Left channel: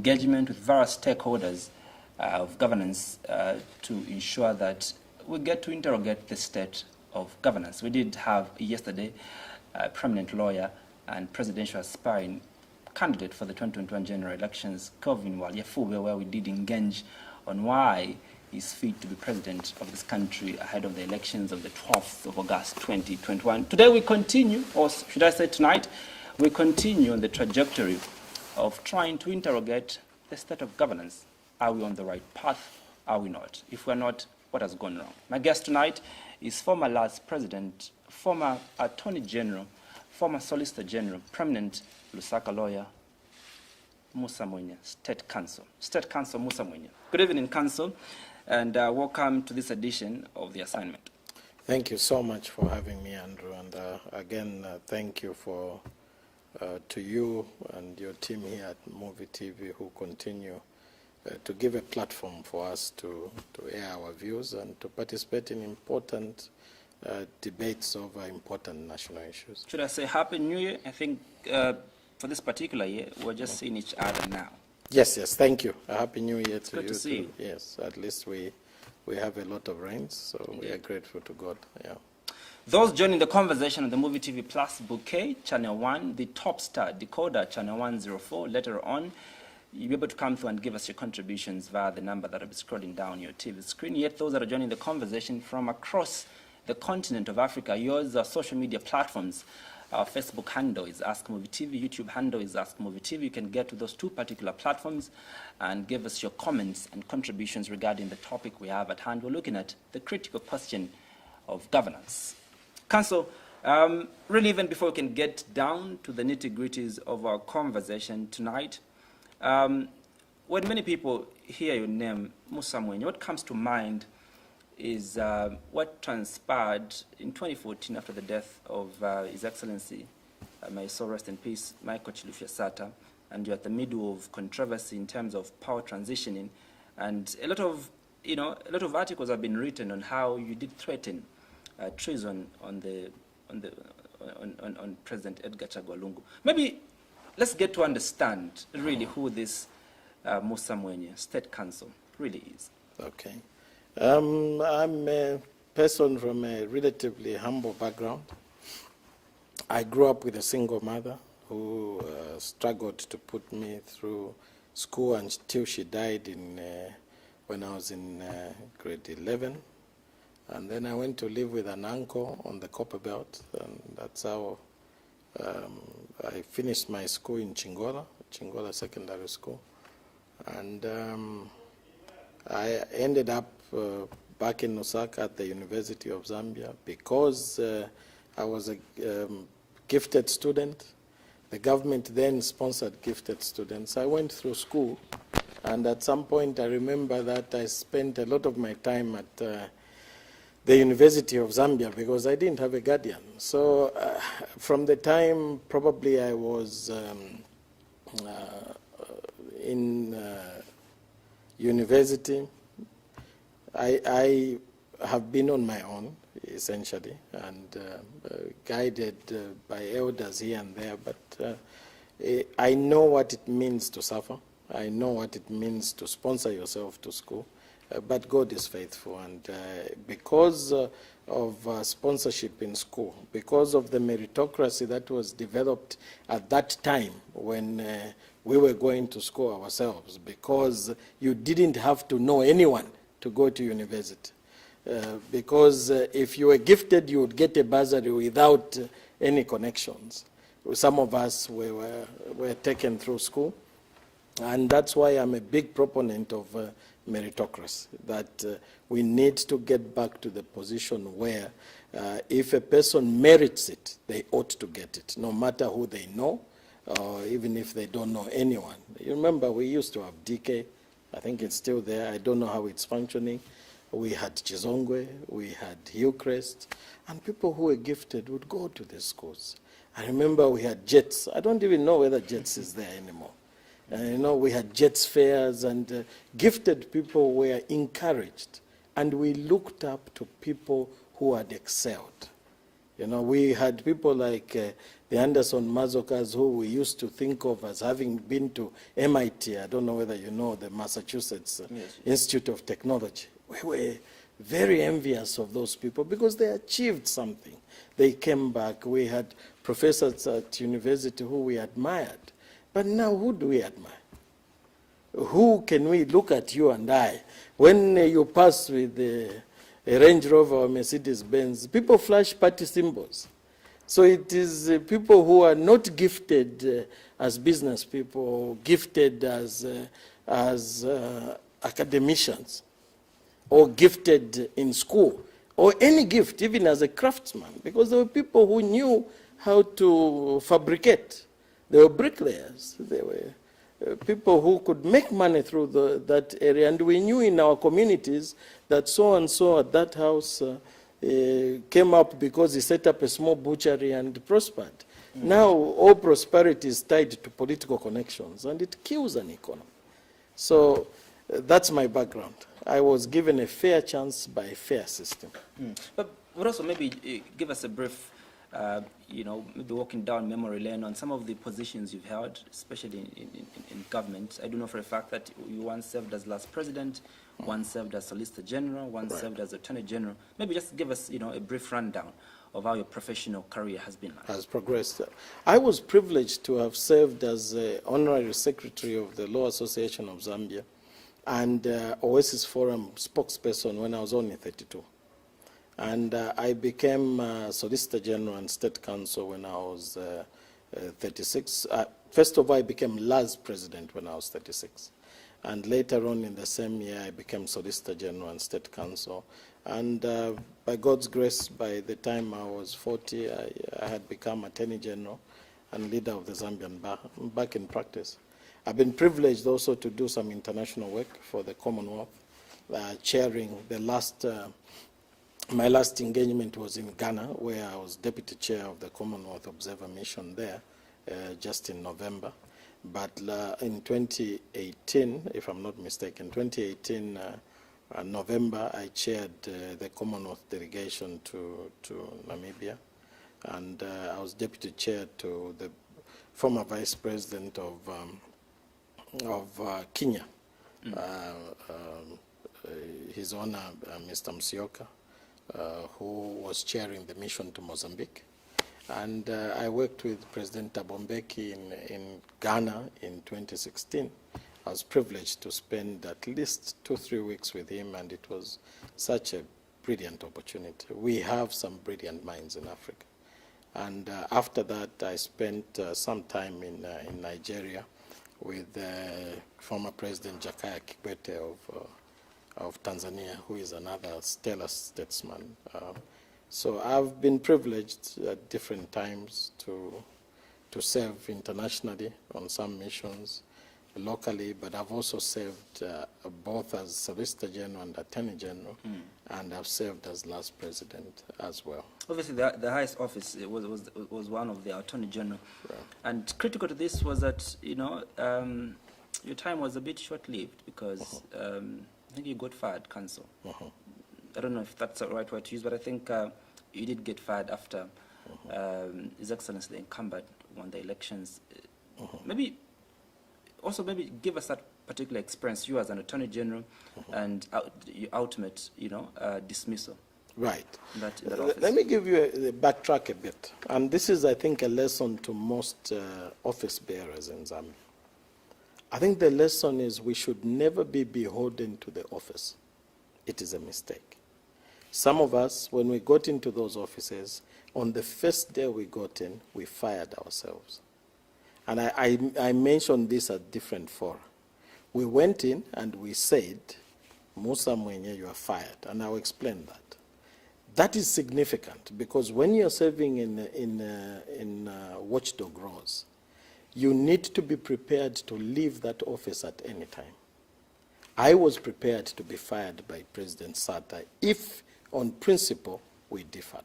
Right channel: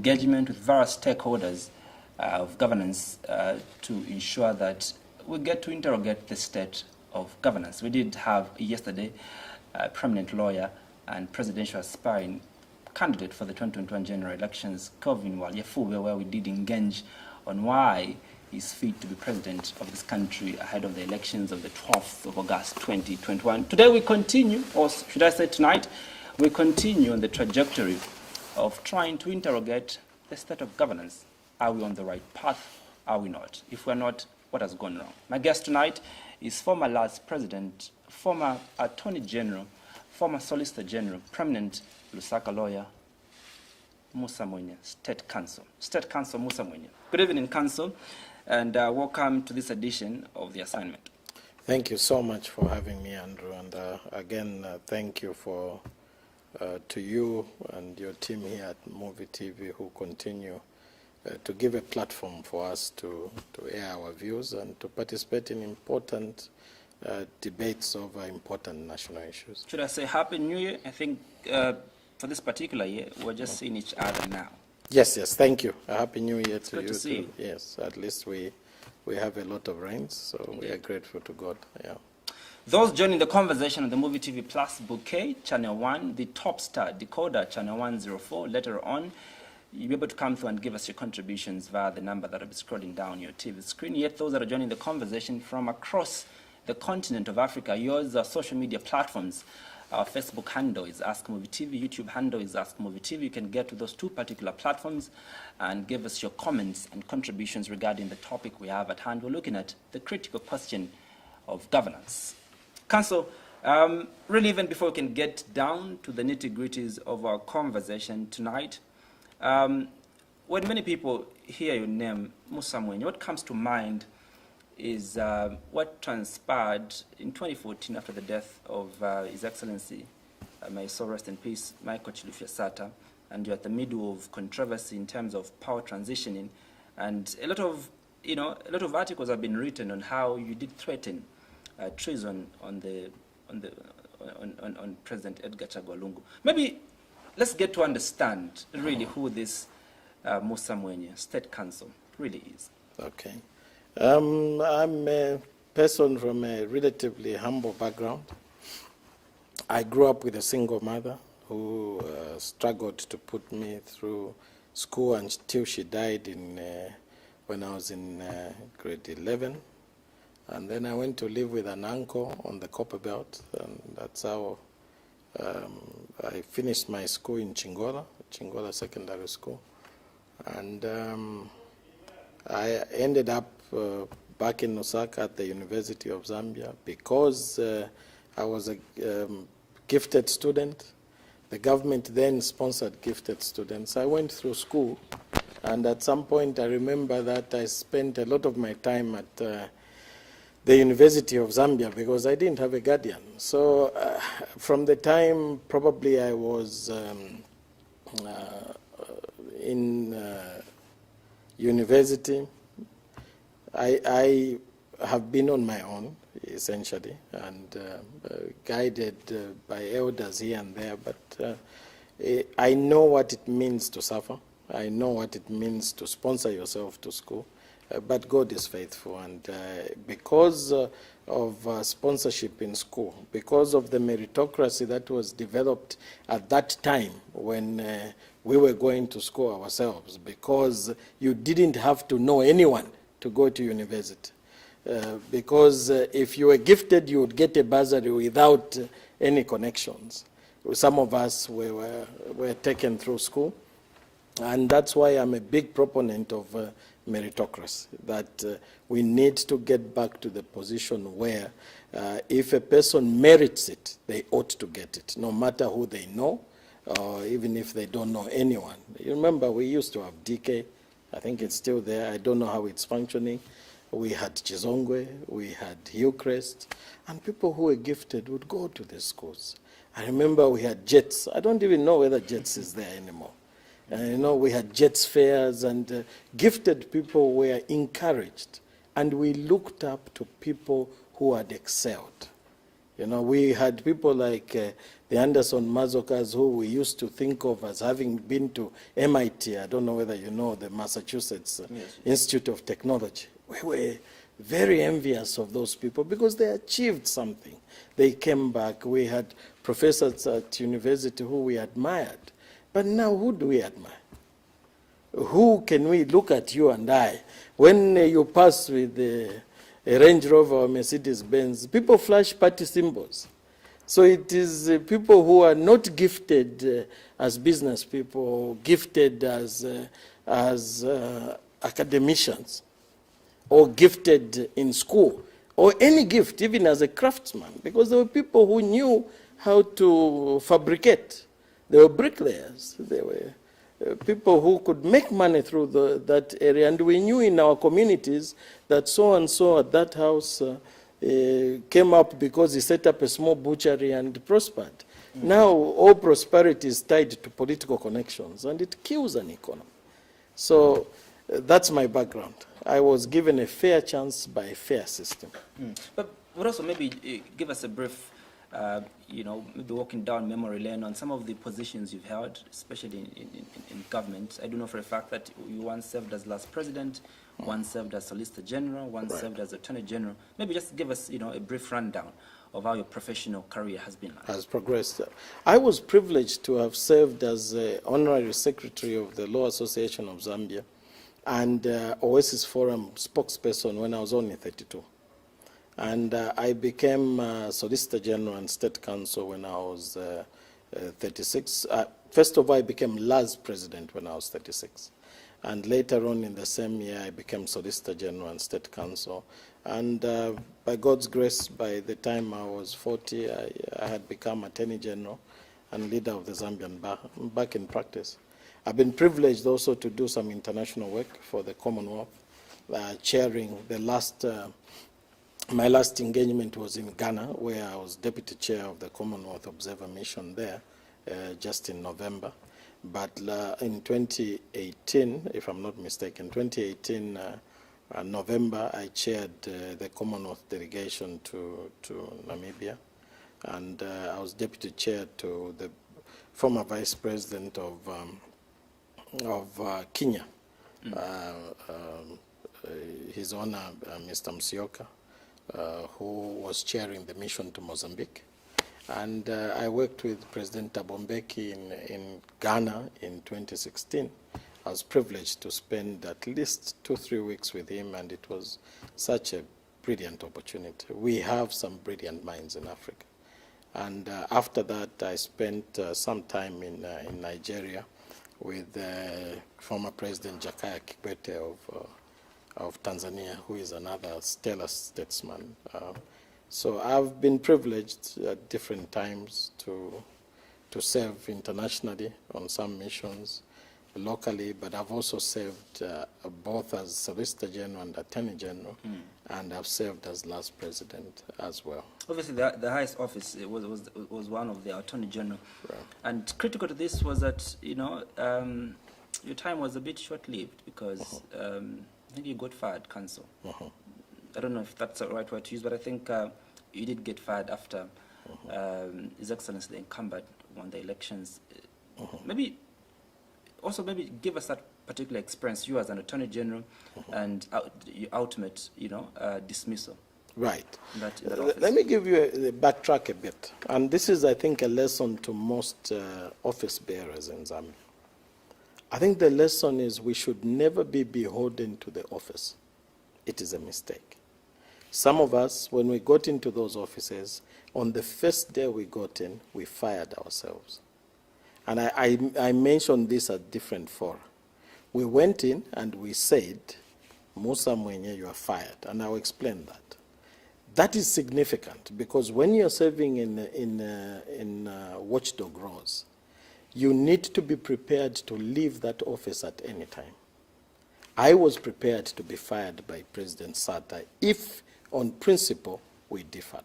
engagement with various stakeholders of governance to ensure that we get to interrogate the state of governance. We did have yesterday a prominent lawyer and presidential aspiring candidate for the 2021 general elections, Kelvin Walyefuwe, where we did engage on why he's fit to be president of this country ahead of the elections of the 12th of August 2021. Today we continue, or should I say tonight, we continue on the trajectory of trying to interrogate the state of governance. Are we on the right path? Are we not? If we're not, what has gone wrong? My guest tonight is former LAS president, former attorney general, former solicitor general, prominent Lusaka lawyer, Musa Mwene, State Counsel. State Counsel Musa Mwene. Good evening, Counsel, and welcome to this edition of The Assignment. Thank you so much for having me, Andrew, and again, thank you to you and your team here at Movie TV who continue to give a platform for us to air our views and to participate in important debates over important national issues. Should I say Happy New Year? I think for this particular year, we're just seeing each other now. Yes, thank you. A Happy New Year to you. Good to see you. Yes, at least we have a lot of rains, so indeed. We are grateful to God. Yeah. Those joining the conversation on the Movie TV Plus bouquet, Channel 1, the Top Star decoder, Channel 104, later on, you'll be able to come through and give us your contributions via the number that will be scrolling down your TV screen. Yet those that are joining the conversation from across the continent of Africa, yours are social media platforms. Our Facebook handle is Ask Movie TV, YouTube handle is Ask Movie TV. You can get to those two particular platforms and give us your comments and contributions regarding the topic we have at hand. We're looking at the critical question of governance. Counsel, really even before we can get down to the nitty-gritties of our conversation tonight, when many people hear your name, Musa Mwene, what comes to mind is what transpired in 2014 after the death of His Excellency, may soul rest in peace, Michael Chilufya-Sata, and you're at the middle of controversy in terms of power transitioning, and a lot of articles have been written on how you did threaten treason on President Edgar Chagwa Lungu. Maybe let's get to understand really who this Musa Mwene, State Counsel, really is. Okay. I'm a person from a relatively humble background. I grew up with a single mother who struggled to put me through school until she died when I was in grade 11. And then I went to live with an uncle on the Copper Belt, and that's how I finished my school in Chingola Secondary School. And I ended up back in Lusaka at the University of Zambia because I was a gifted student. The government then sponsored gifted students. I went through school, and at some point I remember that I spent a lot of my time at the University of Zambia because I didn't have a guardian. So from the time probably I was in university, I have been on my own, essentially, and guided by elders here and there, but I know what it means to suffer. I know what it means to sponsor yourself to school. But God is faithful, and because of sponsorship in school, because of the meritocracy that was developed at that time when we were going to school ourselves, because you didn't have to know anyone to go to university. Because if you were gifted, you would get a bursary without any connections. Some of us were taken through school, and that's why I'm a big proponent of meritocracy, that we need to get back to the position where if a person merits it, they ought to get it, no matter who they know, or even if they don't know anyone. You remember we used to have DK, I think it's still there, I don't know how it's functioning. We had Chizongwe, we had Hillcrest, and people who were gifted would go to these schools. I remember we had JETS, I don't even know whether JETS is there anymore. We had JETS fairs, and gifted people were encouraged, and we looked up to people who had excelled. We had people like the Anderson Mazokas, who we used to think of as having been to MIT, I don't know whether you know the Massachusetts Institute of Technology. We were very envious of those people because they achieved something. They came back. We had professors at university who we admired. But now who do we admire? Who can we look at, you and I? When you pass with a Range Rover or Mercedes-Benz, people flash party symbols. So it is people who are not gifted as business people, gifted as academicians, or gifted in school, or any gift, even as a craftsman, because there were people who knew how to fabricate. There were bricklayers. There were people who could make money through that area. And we knew in our communities that so-and-so at that house came up because he set up a small butchery and prospered. Mm-hmm. Now all prosperity is tied to political connections, and it kills an economy. So that's my background. I was given a fair chance by a fair system. Mm. But also maybe give us a brief, maybe walking down memory lane on some of the positions you've held, especially in government. I do know for a fact that you once served as last president, one served as Solicitor General, one served as Attorney General. Maybe just give us, a brief rundown of how your professional career has been like. Has progressed. I was privileged to have served as Honorary Secretary of the Law Association of Zambia and Oasis Forum spokesperson when I was only 32. And I became Solicitor General and State Counsel when I was 36. First of all, I became LAS President when I was 36. And later on in the same year, I became Solicitor General and State Counsel. And by God's grace, by the time I was 40, I had become Attorney General and leader of the Zambian Bar. I'm back in practice. I've been privileged also to do some international work for the Commonwealth, chairing the last, my last engagement was in Ghana, where I was Deputy Chair of the Commonwealth Observer Mission there, just in November. But in 2018, if I'm not mistaken, 2018 November, I chaired the Commonwealth delegation to Namibia, and I was deputy chair to the former vice president of Kenya, His Honor Mr. Musyoka, who was chairing the mission to Mozambique. And I worked with President Thabo Mbeki in Ghana in 2016. I was privileged to spend at least 2-3 weeks with him, and it was such a brilliant opportunity. We have some brilliant minds in Africa. And after that, I spent some time in Nigeria with former President Jakaya Kikwete of Tanzania, who is another stellar statesman. So I've been privileged at different times to serve internationally on some missions, locally, but I've also served both as Solicitor General and Attorney General, and I've served as last president as well. Obviously, the highest office was one of the Attorney General, right. And critical to this was that your time was a bit short-lived because I think you got fired, counsel. I don't know if that's the right word to use, but I think you did get fired after His Excellency the incumbent won the elections. Maybe give us that particular experience, you as an Attorney General, and your ultimate, dismissal. Right. Let me give you backtrack a bit. And this is, I think, a lesson to most office bearers in Zambia. I think the lesson is we should never be beholden to the office. It is a mistake. Some of us, when we got into those offices, on the first day we got in, we fired ourselves. And I mentioned this at different fora. We went in and we said, Musa, Mwene, you are fired. And I'll explain that. That is significant because when you're serving in watchdog roles, you need to be prepared to leave that office at any time. I was prepared to be fired by President Sata if, on principle, we differed.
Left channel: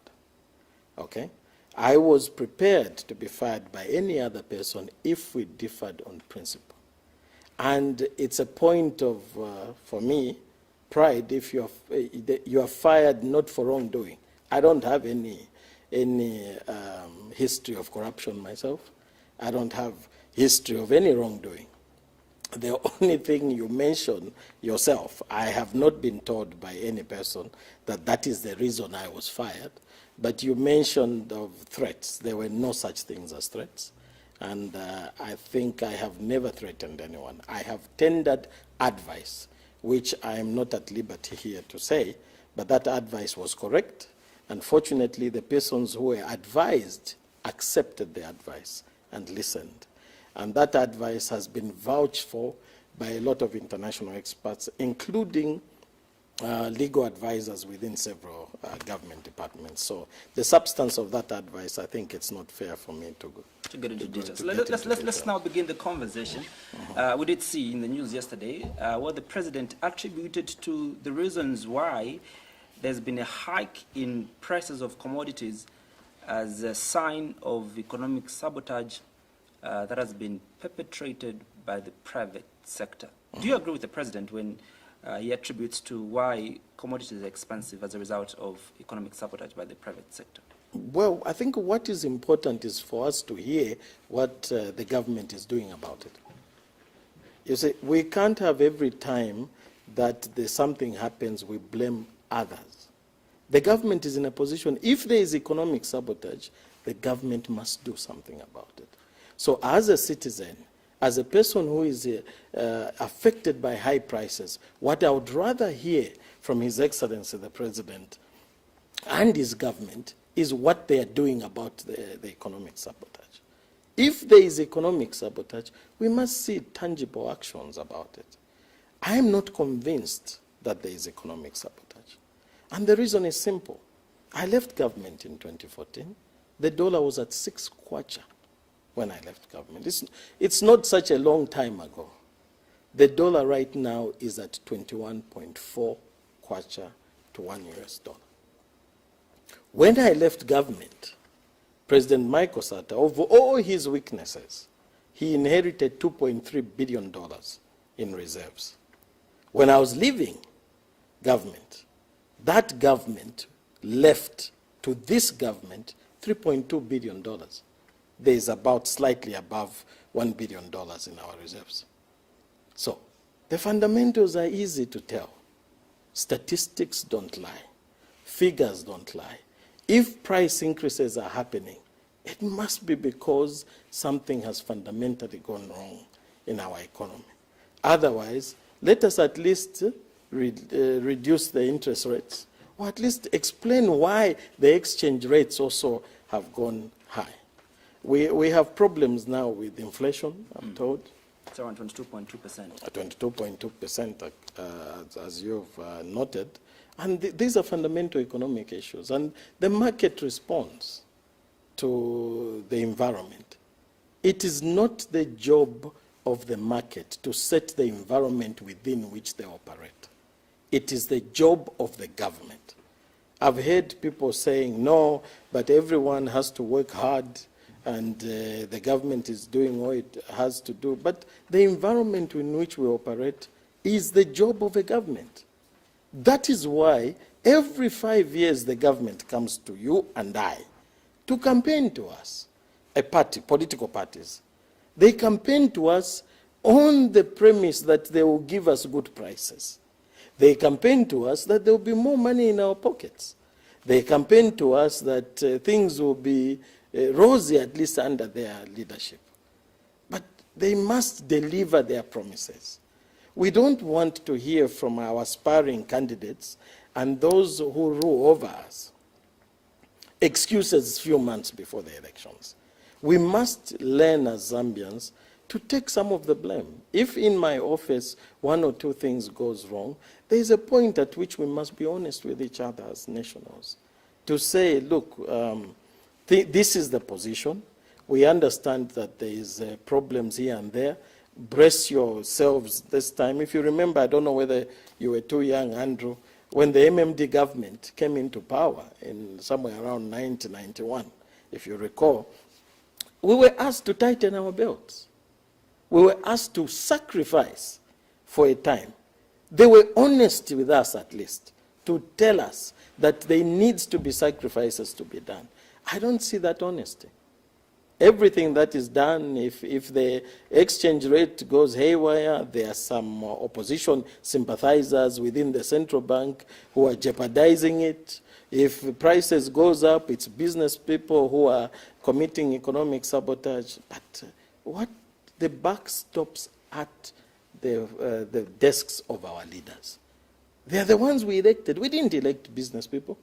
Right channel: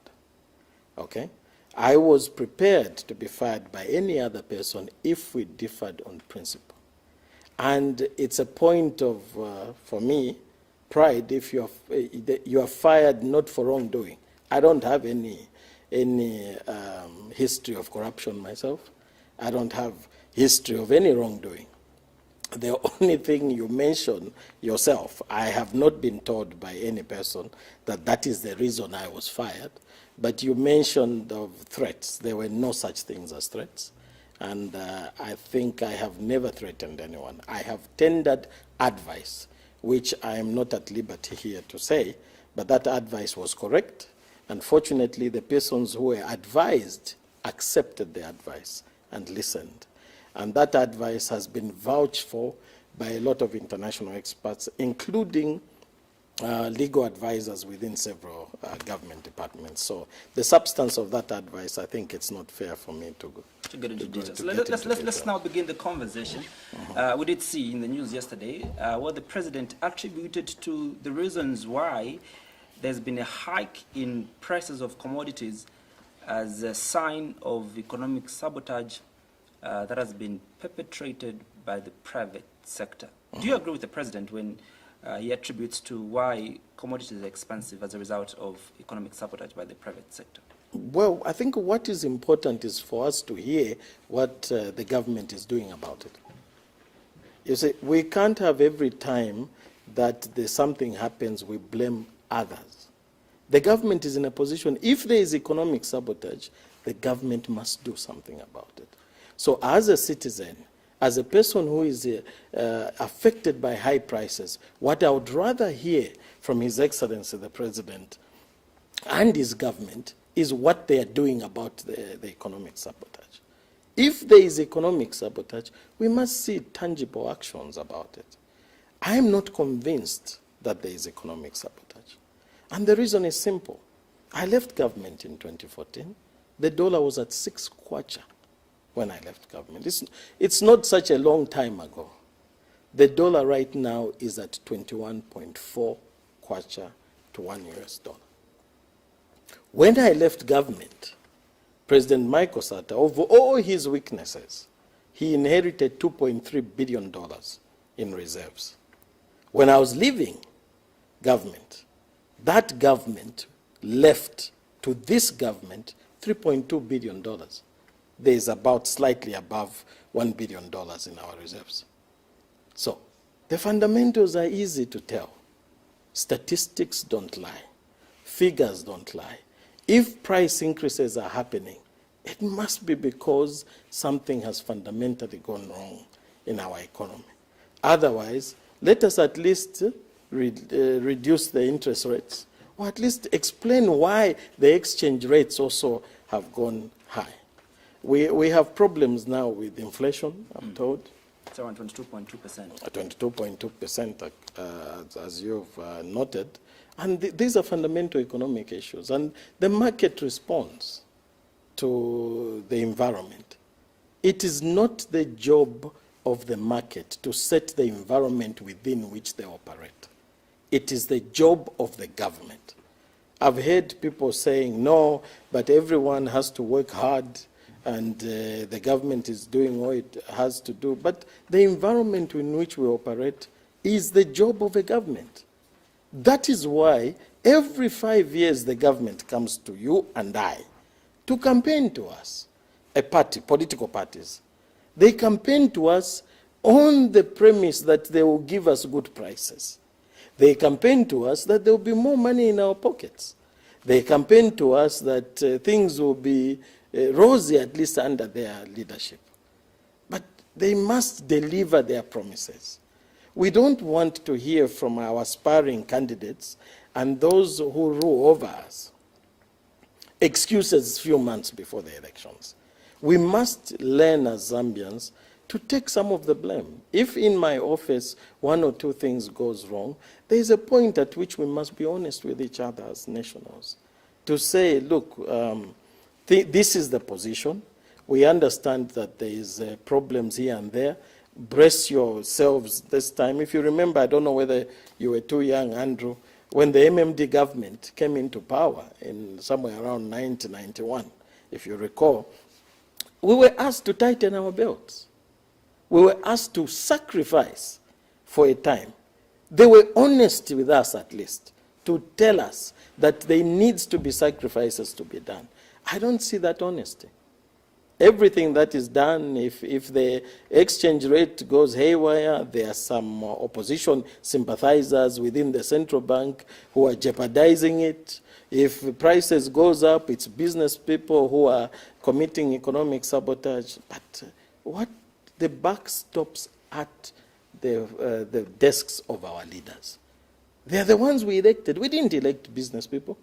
Okay? I was prepared to be fired by any other person if we differed on principle. And it's a point of, for me, pride if you are fired not for wrongdoing. I don't have any history of corruption myself. I don't have history of any wrongdoing. The only thing you mention yourself, I have not been told by any person that that is the reason I was fired. But you mentioned of threats. There were no such things as threats. And I think I have never threatened anyone. I have tendered advice, which I am not at liberty here to say, but that advice was correct. Unfortunately, the persons who were advised accepted the advice and listened. And that advice has been vouched for by a lot of international experts, including legal advisors within several government departments. So the substance of that advice, I think it's not fair for me to get into details. Let's now begin the conversation. We did see in the news yesterday what the president attributed to the reasons why there's been a hike in prices of commodities as a sign of economic sabotage that has been perpetrated by the private sector. Do you agree with the president when he attributes to why commodities are expensive as a result of economic sabotage by the private sector? Well, I think what is important is for us to hear what the government is doing about it. You see, we can't have every time that something happens, we blame others. The government is in a position, if there is economic sabotage, the government must do something about it. So as a citizen, as a person who is affected by high prices, what I would rather hear from His Excellency the President and his government is what they are doing about the economic sabotage. If there is economic sabotage, we must see tangible actions about it. I am not convinced that there is economic sabotage. And the reason is simple. I left government in 2014. The dollar was at 6 kwacha when I left government. It's not such a long time ago. The dollar right now is at 21.4 kwacha to $1 US. When I left government, President Michael Sata, of all his weaknesses, he inherited $2.3 billion in reserves. When I was leaving government, that government left to this government $3.2 billion. There is about slightly above $1 billion in our reserves. So the fundamentals are easy to tell. Statistics don't lie. Figures don't lie. If price increases are happening, it must be because something has fundamentally gone wrong in our economy. Otherwise, let us at least reduce the interest rates, or at least explain why the exchange rates also have gone high. We have problems now with inflation, I'm told. It's around 22.2%. 22.2%, as you've noted. And these are fundamental economic issues. And the market responds to the environment. It is not the job of the market to set the environment within which they operate. It is the job of the government. I've heard people saying, no, but everyone has to work hard and the government is doing what it has to do. But the environment in which we operate is the job of a government. That is why every 5 years the government comes to you and I to campaign to us, a party, political parties. They campaign to us on the premise that they will give us good prices. They campaign to us that there will be more money in our pockets. They campaign to us that things will be rosy, at least under their leadership. But they must deliver their promises. We don't want to hear from our aspiring candidates and those who rule over us excuses few months before the elections. We must learn as Zambians to take some of the blame. If in my office 1 or 2 things goes wrong, there is a point at which we must be honest with each other as nationals to say, look, this is the position. We understand that there is problems here and there. Brace yourselves this time. If you remember, I don't know whether you were too young, Andrew, when the MMD government came into power in somewhere around 1991, if you recall, we were asked to tighten our belts. We were asked to sacrifice for a time. They were honest with us, at least, to tell us that there needs to be sacrifices to be done. I don't see that honesty. everything that is done, if the exchange rate goes haywire, there are some opposition sympathizers within the central bank who are jeopardizing it. If prices goes up, it's business people who are committing economic sabotage. But what the buck stops at the desks of our leaders. They are the ones we elected. We didn't elect business people.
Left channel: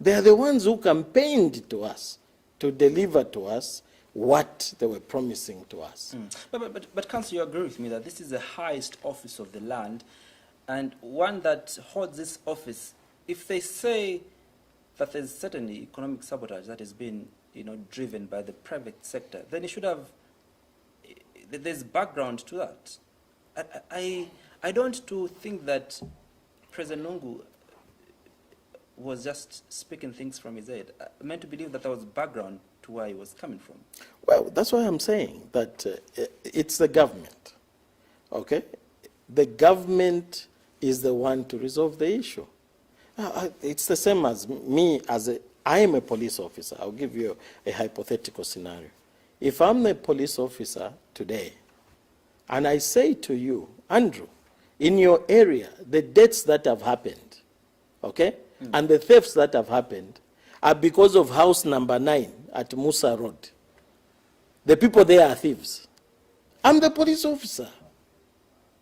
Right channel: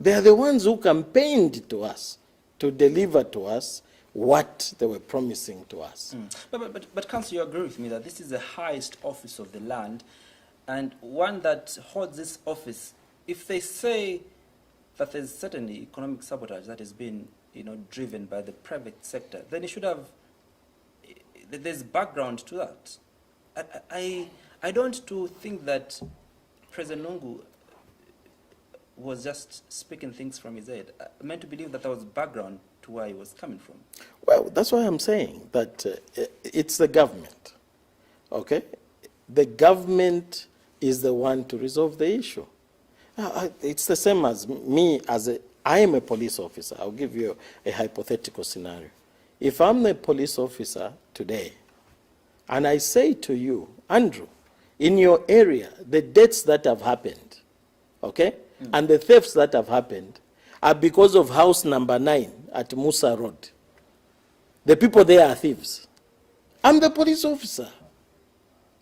They are the ones who campaigned to us to deliver to us what they were promising to us. But Council, you agree with me that this is the highest office of the land, and one that holds this office, if they say that there's certainly economic sabotage that has been, driven by the private sector, then it should have, there's background to that. I don't think that President Lungu was just speaking things from his head. I meant to believe that there was background to where he was coming from. Well, that's why I'm saying that it's the government, okay? The government is the one to resolve the issue. It's the same as me, I am a police officer. I'll give you a hypothetical scenario. If I'm a police officer today, and I say to you, Andrew, in your area, the deaths that have happened, okay, and the thefts that have happened are because of house number 9 at Musa Road. The people there are thieves. I'm the police officer.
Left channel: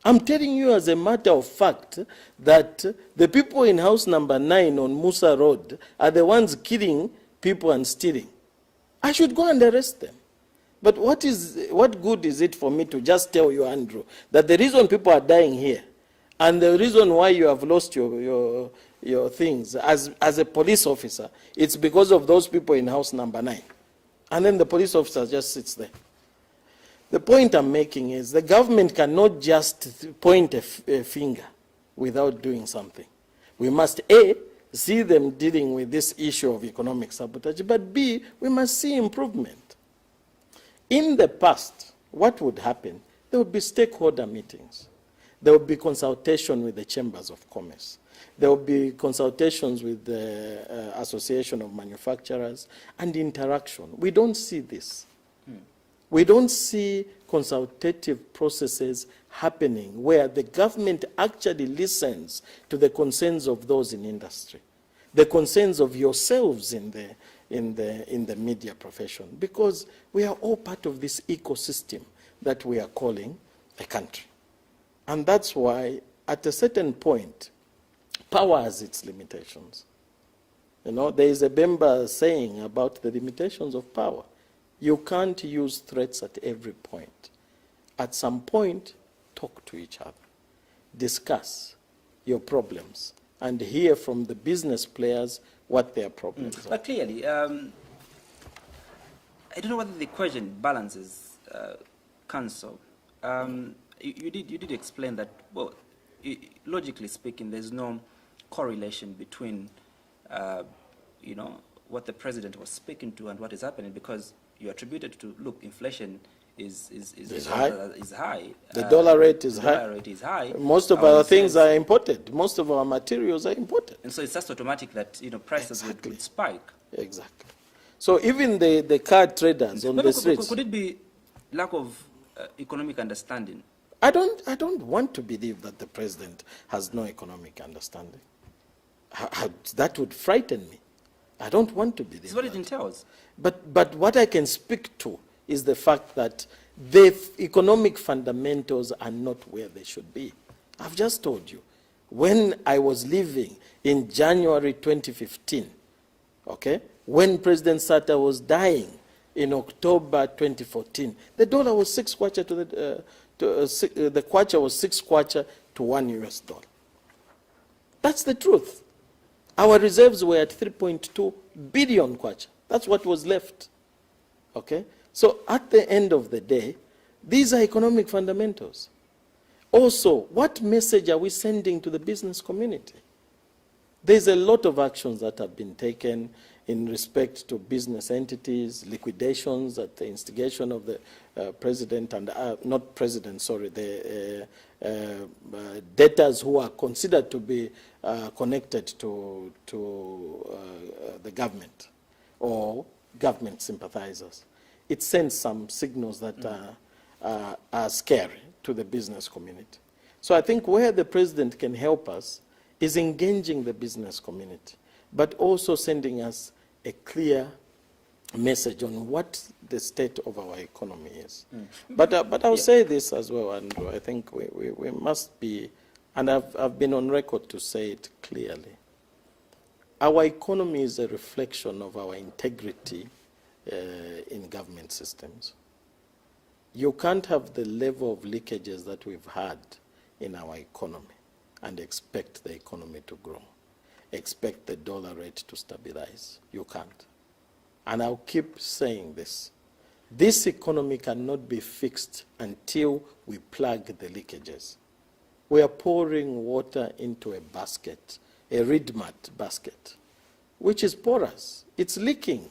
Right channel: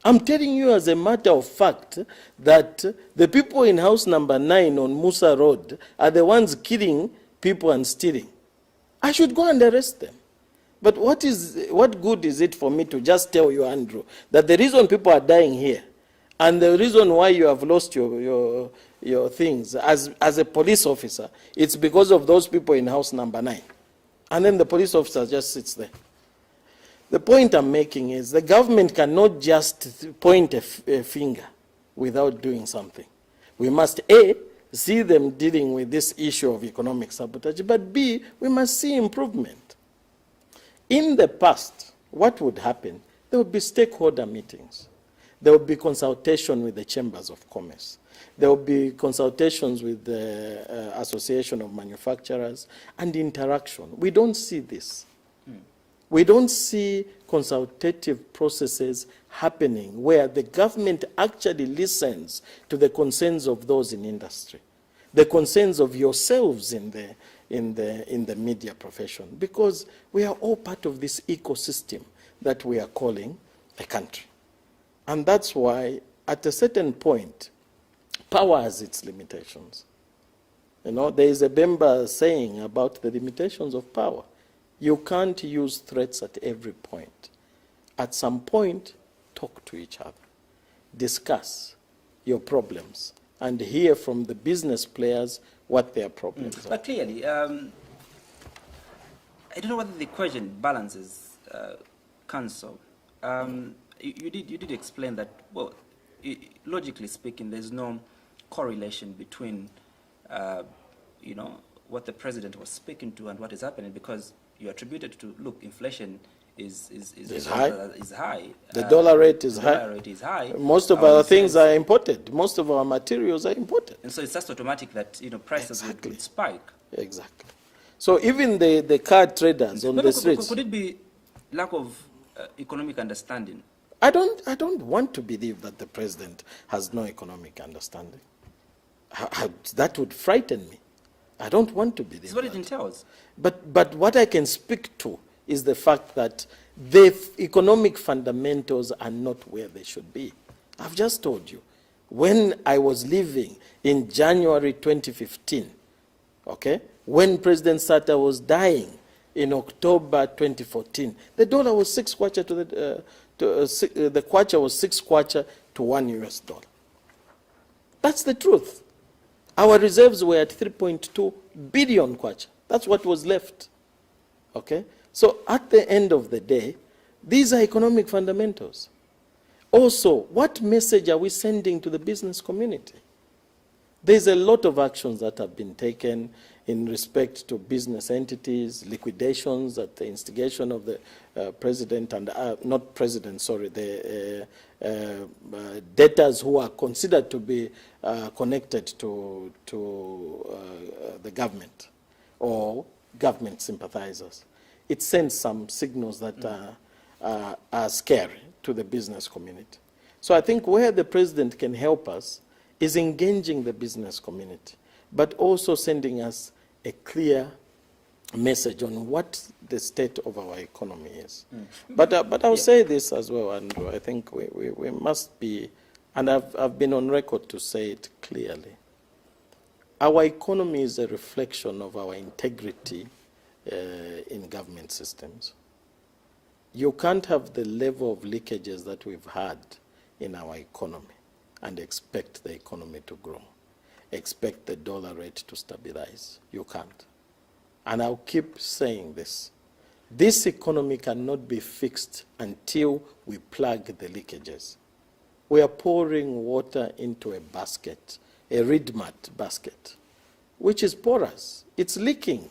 I'm telling you as a matter of fact that the people in house number 9 on Musa Road are the ones killing people and stealing. I should go and arrest them. But what good is it for me to just tell you, Andrew, that the reason people are dying here and the reason why you have lost your things as a police officer, it's because of those people in house number 9. And then the police officer just sits there. The point I'm making is the government cannot just point a finger without doing something. We must, A, see them dealing with this issue of economic sabotage, but B, we must see improvement. In the past, what would happen? There would be stakeholder meetings. There would be consultation with the chambers of commerce. There will be consultations with the Association of Manufacturers and interaction. We don't see this. We don't see consultative processes happening where the government actually listens to the concerns of those in industry, the concerns of yourselves in the media profession, because we are all part of this ecosystem that we are calling a country. And that's why, at a certain point, power has its limitations. There is a Bemba saying about the limitations of power. You can't use threats at every point. At some point, talk to each other. Discuss your problems and hear from the business players what their problems are. But clearly, I don't know whether the equation balances, Council. You did explain that, well, logically speaking, there's no correlation between, what the president was speaking to and what is happening, because you attributed to, look, inflation is high. The dollar rate is high. Dollar rate is high. Most of our things are imported. Most of our materials are imported. And so it's just automatic that prices would spike. Exactly. So even the car traders on the streets. Could it be lack of economic understanding? I don't want to believe that the president has no economic understanding. That would frighten me. I don't want to believe that. It's what it entails. But what I can speak to is the fact that the economic fundamentals are not where they should be. I've just told you, when I was living in January 2015, okay, when President Sata was dying in October 2014, the dollar was 6 kwacha the kwacha was 6 kwacha to $1 US. That's the truth. Our reserves were at 3.2 billion kwacha. That's what was left. Okay? So at the end of the day, these are economic fundamentals. Also, what message are we sending to the business community? There's a lot of actions that have been taken in respect to business entities, liquidations at the instigation of the president and, not president, sorry, the debtors who are considered to be connected to the government, or government sympathizers. It sends some signals that are scary to the business community. So I think where the president can help us is engaging the business community, but also sending us a clear message on what the state of our economy is. But I'll say this as well, Andrew. I think we must be, and I've been on record to say it clearly. Our economy is a reflection of our integrity in government systems. You can't have the level of leakages that we've had in our economy and expect the economy to grow, expect the dollar rate to stabilize. You can't. And I'll keep saying this. This economy cannot be fixed until we plug the leakages. We are pouring water into a basket, a reed mat basket, which is porous. It's leaking.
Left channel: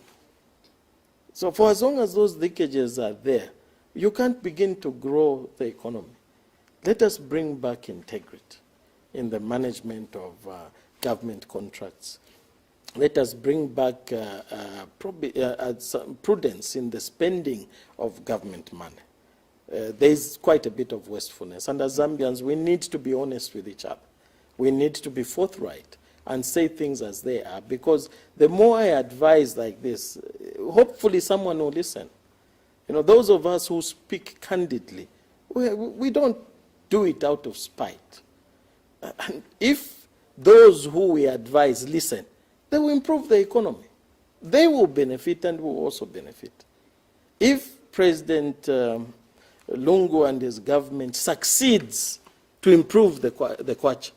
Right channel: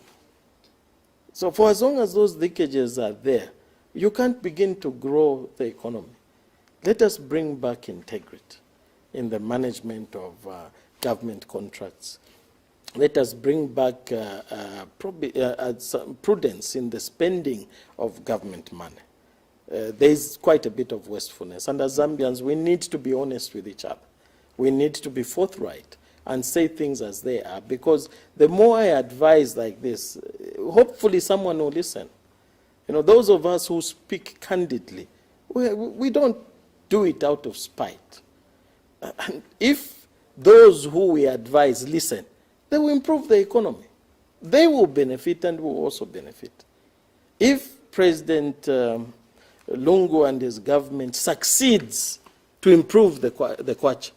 So for as long as those leakages are there, you can't begin to grow the economy. Let us bring back integrity in the management of government contracts. Let us bring back some prudence in the spending of government money. There is quite a bit of wastefulness. And as Zambians, we need to be honest with each other. We need to be forthright and say things as they are, because the more I advise like this, hopefully someone will listen. You know, those of us who speak candidly, we don't do it out of spite. And if those who we advise listen, they will improve the economy. They will benefit and will also benefit. If President Lungu and his government succeeds to improve the kwacha,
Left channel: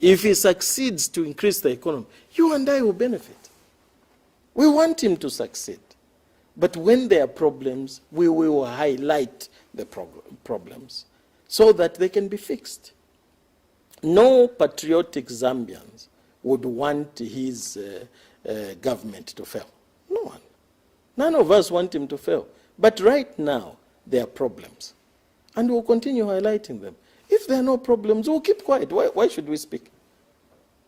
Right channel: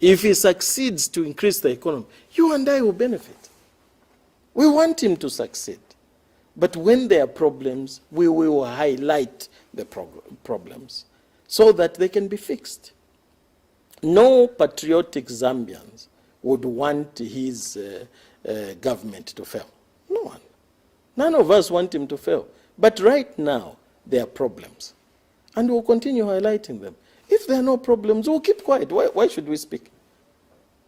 if he succeeds to increase the economy, you and I will benefit. We want him to succeed. But when there are problems, we will highlight the problems so that they can be fixed. No patriotic Zambians would want his government to fail. No one. None of us want him to fail. But right now, there are problems. And we'll continue highlighting them. If there are no problems, we'll keep quiet. Why should we speak?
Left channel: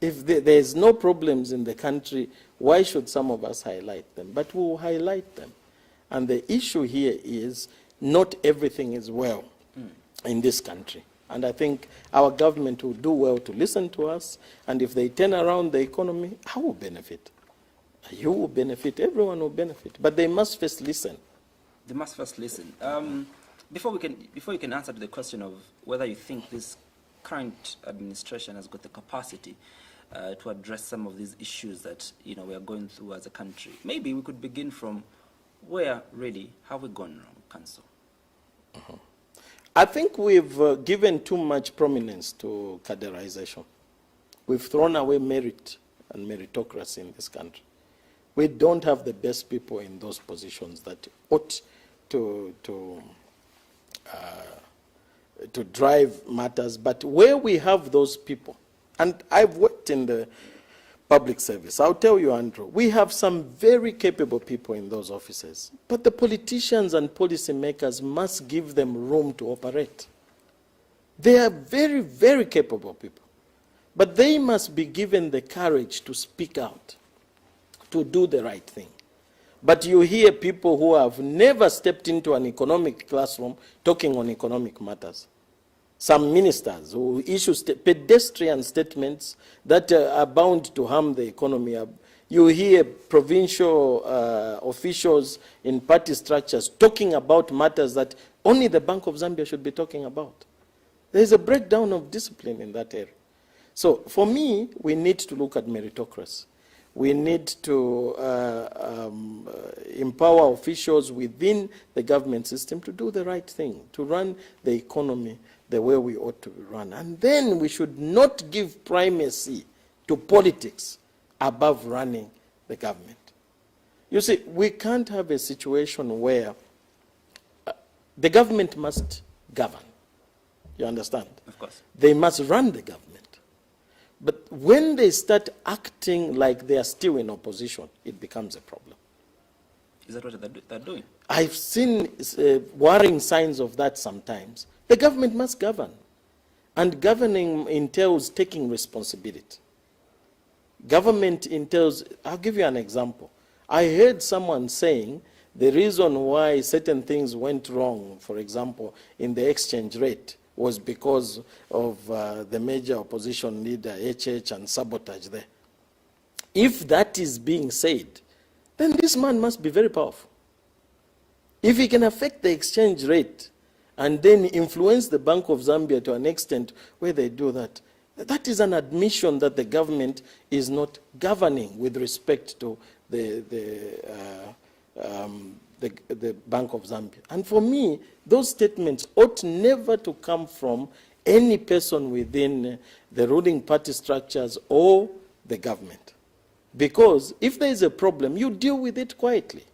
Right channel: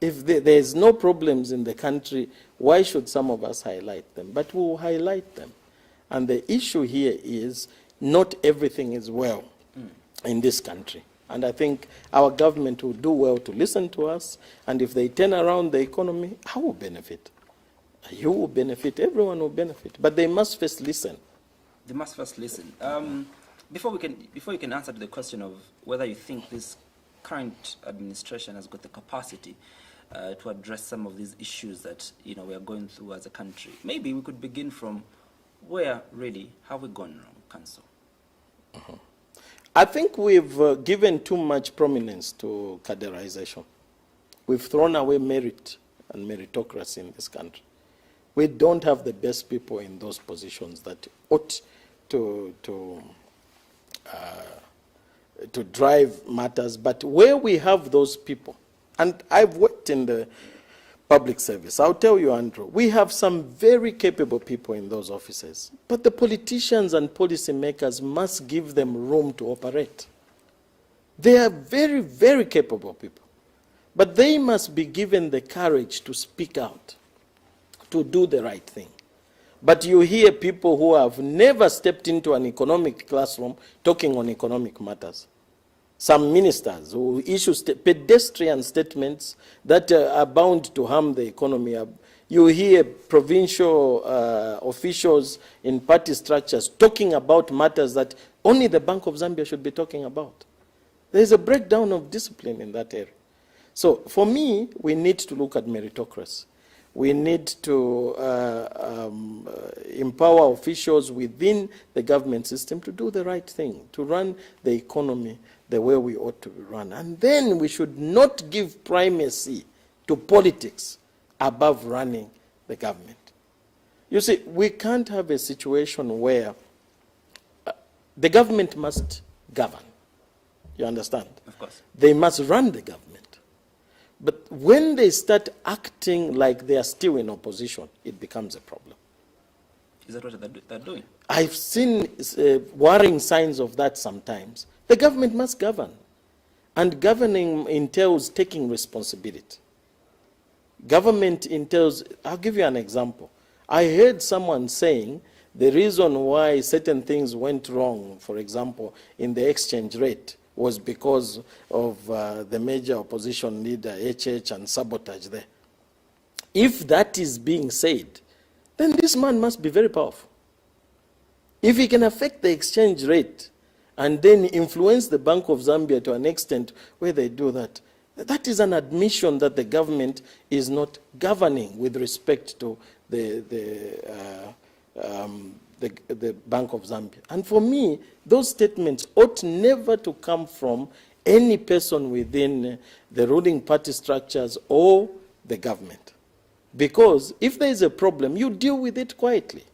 If there's no problems in the country, why should some of us highlight them? But we'll highlight them. And the issue here is not everything is well in this country. And I think our government will do well to listen to us. And if they turn around the economy, I will benefit. You will benefit. Everyone will benefit. But they must first listen. They must first listen. Before you can answer to the question of whether you think this current administration has got the capacity to address some of these issues that we are going through as a country, maybe we could begin from where really have we gone wrong, Council? I think we've given too much prominence to caderization. We've thrown away merit and meritocracy in this country. We don't have the best people in those positions that ought to drive matters. But where we have those people, and I've worked in the public service, I'll tell you, Andrew, we have some very capable people in those offices. But the politicians and policymakers must give them room to operate. They are very, very capable people. But they must be given the courage to speak out, to do the right thing. But you hear people who have never stepped into an economic classroom talking on economic matters. Some ministers who issue pedestrian statements that are bound to harm the economy. You hear provincial officials in party structures talking about matters that only the Bank of Zambia should be talking about. There is a breakdown of discipline in that area. So for me, we need to look at meritocracy. We need to empower officials within the government system to do the right thing, to run the economy the way we ought to run. And then we should not give primacy to politics above running the government. You see, we can't have a situation where the government must govern. You understand? Of course. They must run the government. But when they start acting like they are still in opposition, it becomes a problem. Is that what they're doing? I've seen worrying signs of that sometimes. The government must govern. And governing entails taking responsibility. Government entails, I'll give you an example. I heard someone saying the reason why certain things went wrong, for example, in the exchange rate, was because of the major opposition leader, HH, and sabotage there. If that is being said, then this man must be very powerful. If he can affect the exchange rate and then influence the Bank of Zambia to an extent where they do that, that is an admission that the government is not governing with respect to the Bank of Zambia. And for me, those statements ought never to come from any person within the ruling party structures or the government. Because if there is a problem, you deal with it quietly.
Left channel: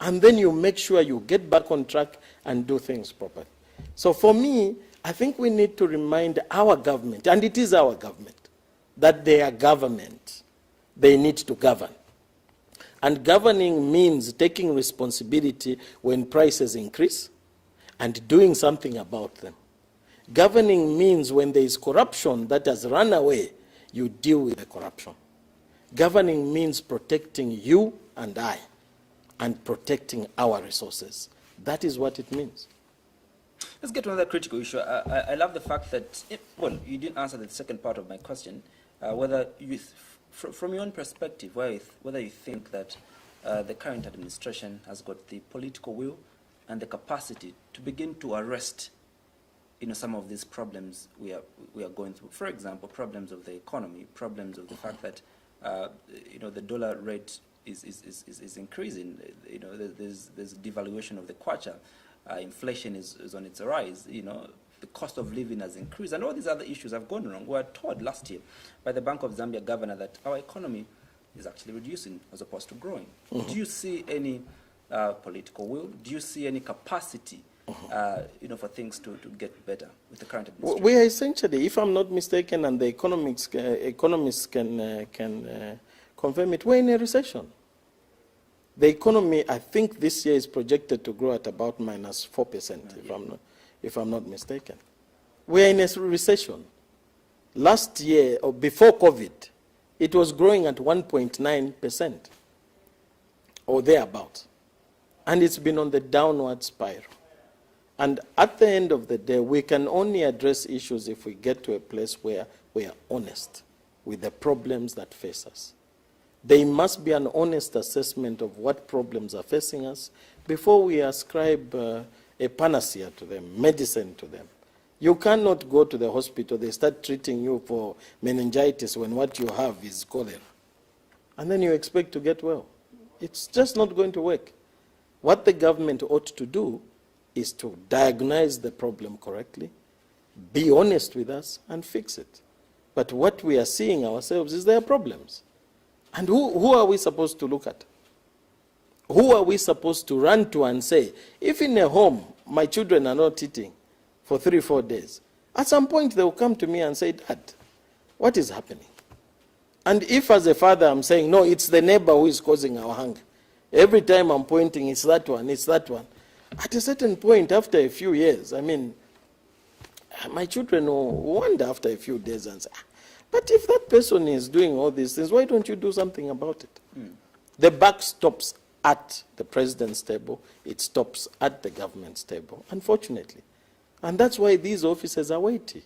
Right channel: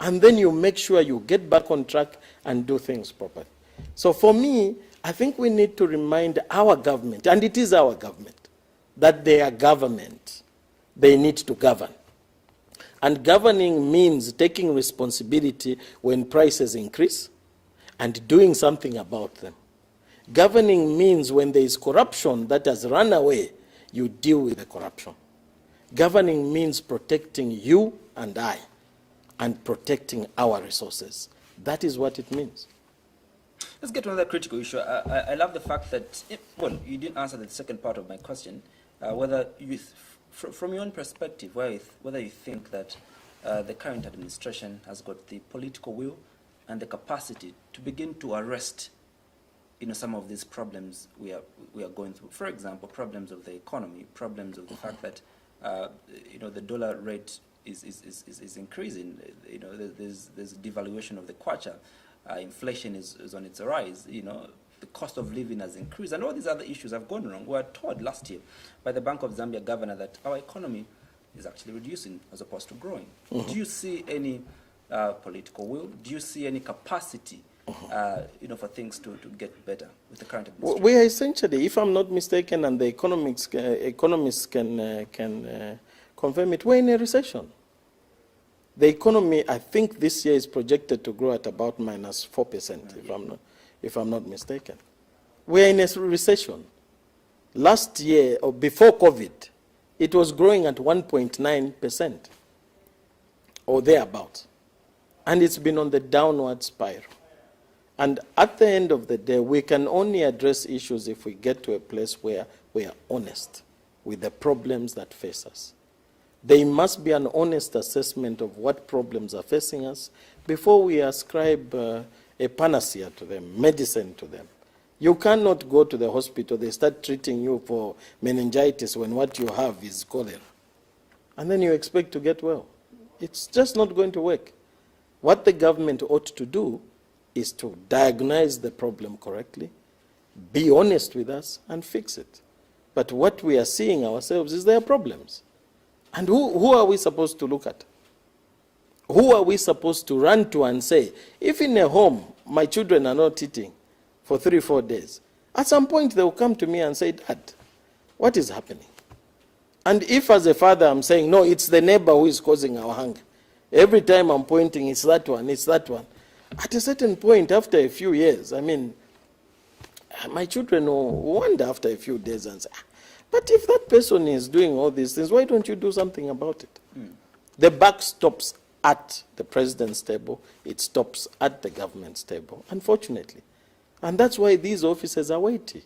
And then you make sure you get back on track and do things properly. So for me, I think we need to remind our government, and it is our government, that they are government. They need to govern. And governing means taking responsibility when prices increase and doing something about them. Governing means when there is corruption that has run away, you deal with the corruption. Governing means protecting you and I and protecting our resources. That is what it means. Let's get to another critical issue. I love the fact that, well, you didn't answer the second part of my question, whether you, from your own perspective, whether you think that the current administration has got the political will and the capacity to begin to arrest, some of these problems we are going through. For example, problems of the economy, problems of the fact that, the dollar rate is increasing. There's devaluation of the kwacha. Inflation is on its rise. The cost of living has increased, and all these other issues have gone wrong. We were told last year by the Bank of Zambia governor that our economy is actually reducing as opposed to growing. Mm-hmm. Do you see any political will? Do you see any capacity, for things to get better with the current administration? We are essentially, if I'm not mistaken, and the economists can confirm it, we're in a recession. The economy, I think this year is projected to grow at about minus 4%, if I'm not mistaken. We're in a recession. Last year, or before COVID, it was growing at 1.9%, or thereabouts. And it's been on the downward spiral. And at the end of the day, we can only address issues if we get to a place where we are honest with the problems that face us. There must be an honest assessment of what problems are facing us before we ascribe a panacea to them, medicine to them. You cannot go to the hospital, they start treating you for meningitis when what you have is cholera. And then you expect to get well. It's just not going to work. What the government ought to do is to diagnose the problem correctly, be honest with us, and fix it. But what we are seeing ourselves is there are problems. And who are we supposed to look at? Who are we supposed to run to and say, if in a home my children are not eating for 3-4 days, at some point they will come to me and say, Dad, what is happening? And if as a father I'm saying, no, it's the neighbor who is causing our hunger. Every time I'm pointing, it's that one, it's that one. At a certain point, after a few years, my children will wonder after a few days and say, but if that person is doing all these things, why don't you do something about it? Mm. The buck stops at the president's table. It stops at the government's table, unfortunately. And that's why these offices are weighty.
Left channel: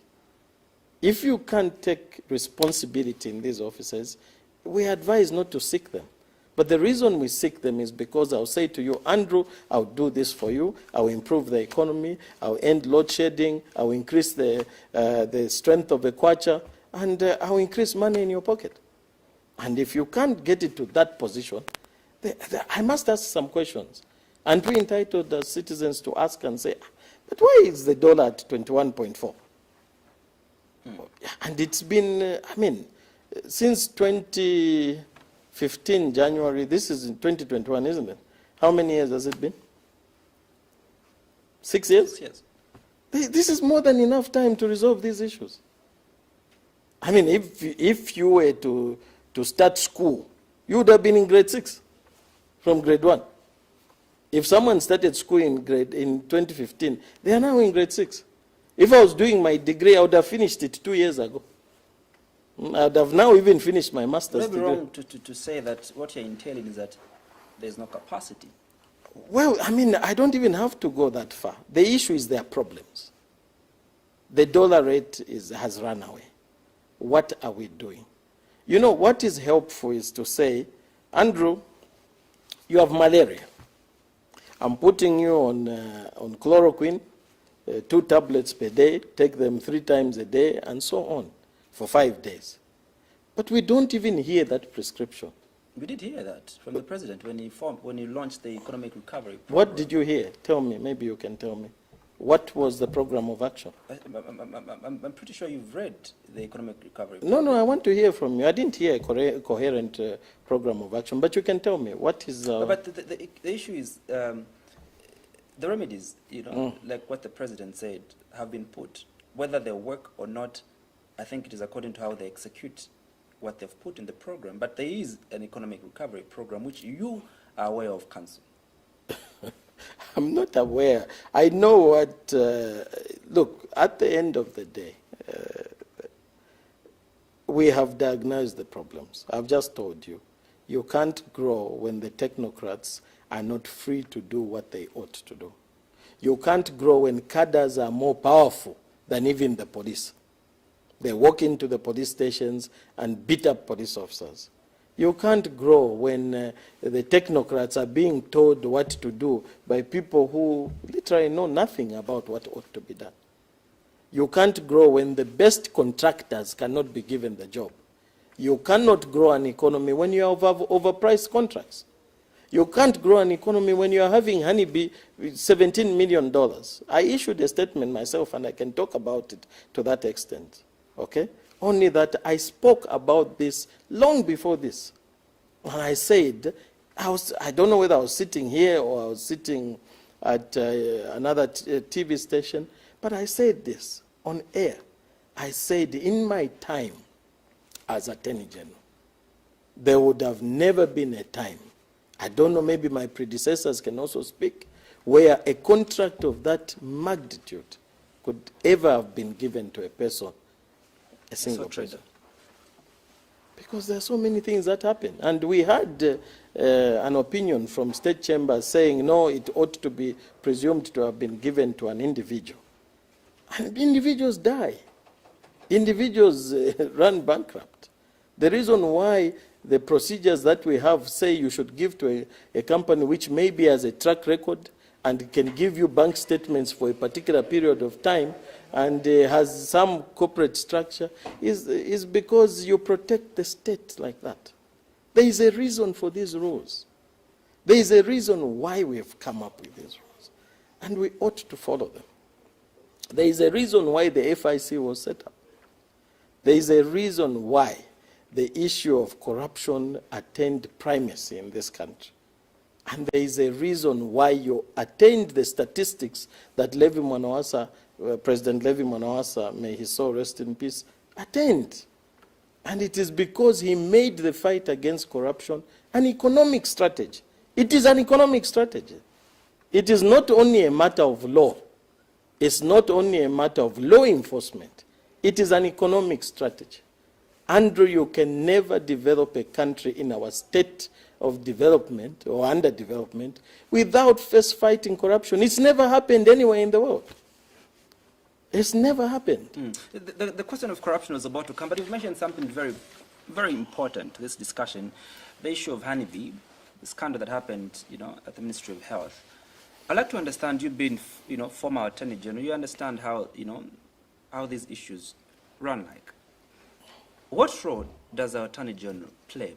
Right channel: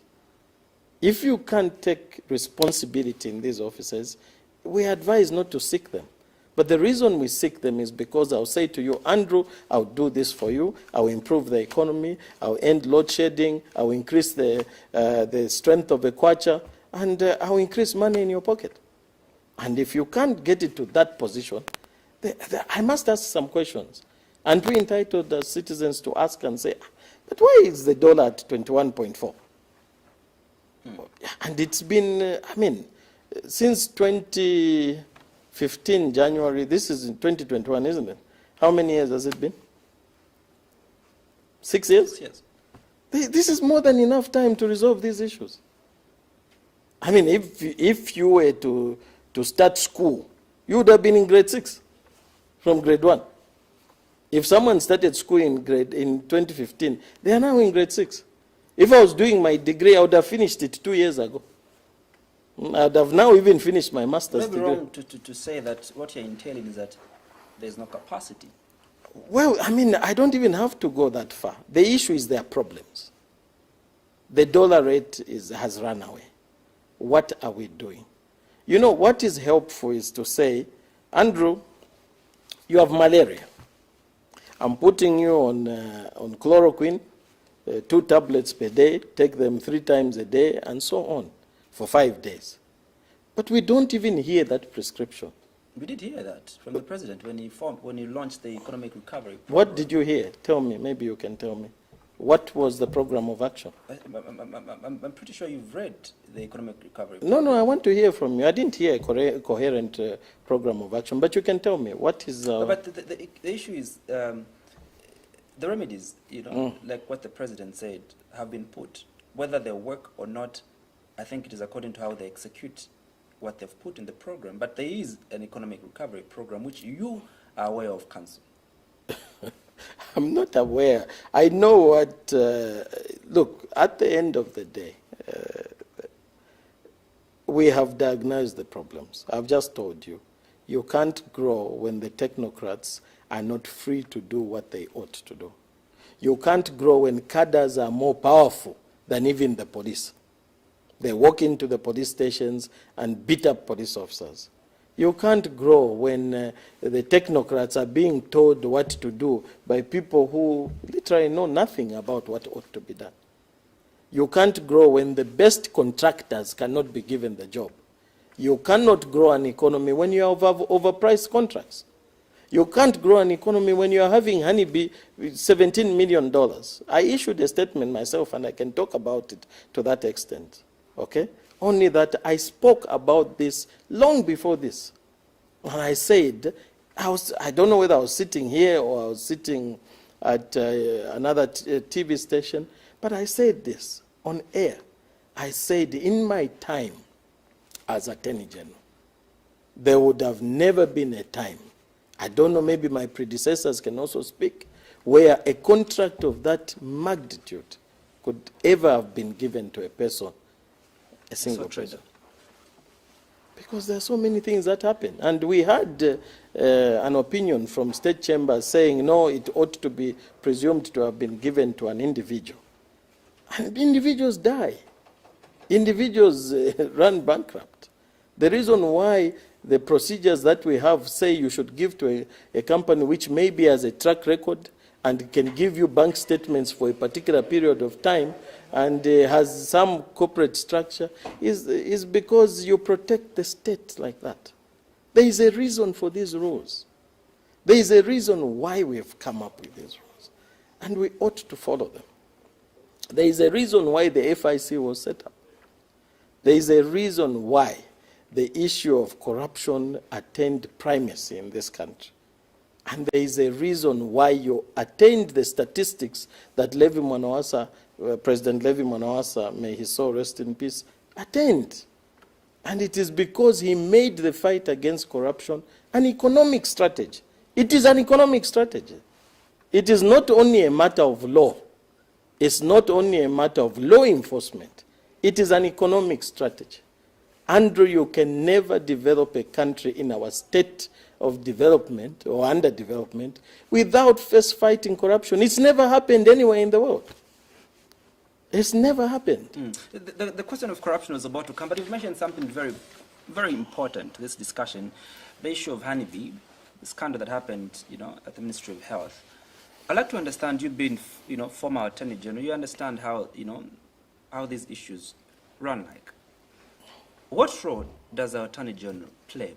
If you can't take responsibility in these offices, we advise not to seek them. But the reason we seek them is because I'll say to you, Andrew, I'll do this for you. I'll improve the economy. I'll end load shedding. I'll increase the strength of the kwacha. And I'll increase money in your pocket. And if you can't get it to that position, I must ask some questions. And we're entitled as citizens to ask and say, but why is the dollar at 21.4? And it's been, since 2015, January, this is in 2021, isn't it? How many years has it been? 6 years? 6 years. This is more than enough time to resolve these issues. If you were to start school, you would have been in grade 6 from grade 1. If someone started school in 2015, they are now in grade 6. If I was doing my degree, I would have finished it 2 years ago. I would have now even finished my master's degree. Maybe wrong to say that what you're entailing is that there's no capacity. Well, I mean, I don't even have to go that far. The issue is their problems. The dollar rate has run away. What are we doing? You know, what is helpful is to say, Andrew, you have malaria. I'm putting you on chloroquine, 2 tablets per day, take them 3 times a day, and so on, for 5 days. But we don't even hear that prescription. We did hear that from the president when he launched the economic recovery program. What did you hear? Tell me, maybe you can tell me. What was the program of action? I'm pretty sure you've read the economic recovery. No, I want to hear from you. I didn't hear a coherent program of action, but you can tell me what is. But the issue is the remedies, you know, like what the president said, have been put. Whether they work or not, I think it is according to how they execute what they've put in the program. But there is an economic recovery program which you are aware of, Council. I'm not aware. I know what, look, at the end of the day, we have diagnosed the problems. I've just told you, you can't grow when the technocrats are not free to do what they ought to do. You can't grow when cadres are more powerful than even the police. They walk into the police stations and beat up police officers. You can't grow when the technocrats are being told what to do by people who literally know nothing about what ought to be done. You can't grow when the best contractors cannot be given the job. You cannot grow an economy when you have overpriced contracts. You can't grow an economy when you are having Honeybee with $17 million. I issued a statement myself, and I can talk about it to that extent. Okay? Only that I spoke about this long before this. And I said, I don't know whether I was sitting here or I was sitting at another TV station, but I said this on air. I said, in my time as Attorney General, there would have never been a time, I don't know, maybe my predecessors can also speak, where a contract of that magnitude could ever have been given to a person, a single person. Because there are so many things that happen. And we had an opinion from state chambers saying, no, it ought to be presumed to have been given to an individual. And individuals die. Individuals run bankrupt. The reason why the procedures that we have say you should give to a company which maybe has a track record and can give you bank statements for a particular period of time and has some corporate structure is because you protect the state like that. There is a reason for these rules. There is a reason why we have come up with these rules, and we ought to follow them. There is a reason why the FIC was set up. There is a reason why the issue of corruption attained primacy in this country. And there is a reason why you attained the statistics that President Levi Mwanawasa, may his soul rest in peace, attained. And it is because he made the fight against corruption an economic strategy. It is an economic strategy. It is not only a matter of law. It's not only a matter of law enforcement. It is an economic strategy. Andrew, you can never develop a country in our state of development or underdevelopment without first fighting corruption. It's never happened anywhere in the world. It's never happened. The question of corruption was about to come, but you've mentioned something very, very important to this discussion, the issue of Honeybee, the scandal that happened, at the Ministry of Health. I'd like to understand, you being, former Attorney General, you understand how, how these issues run like. What role does our Attorney General play,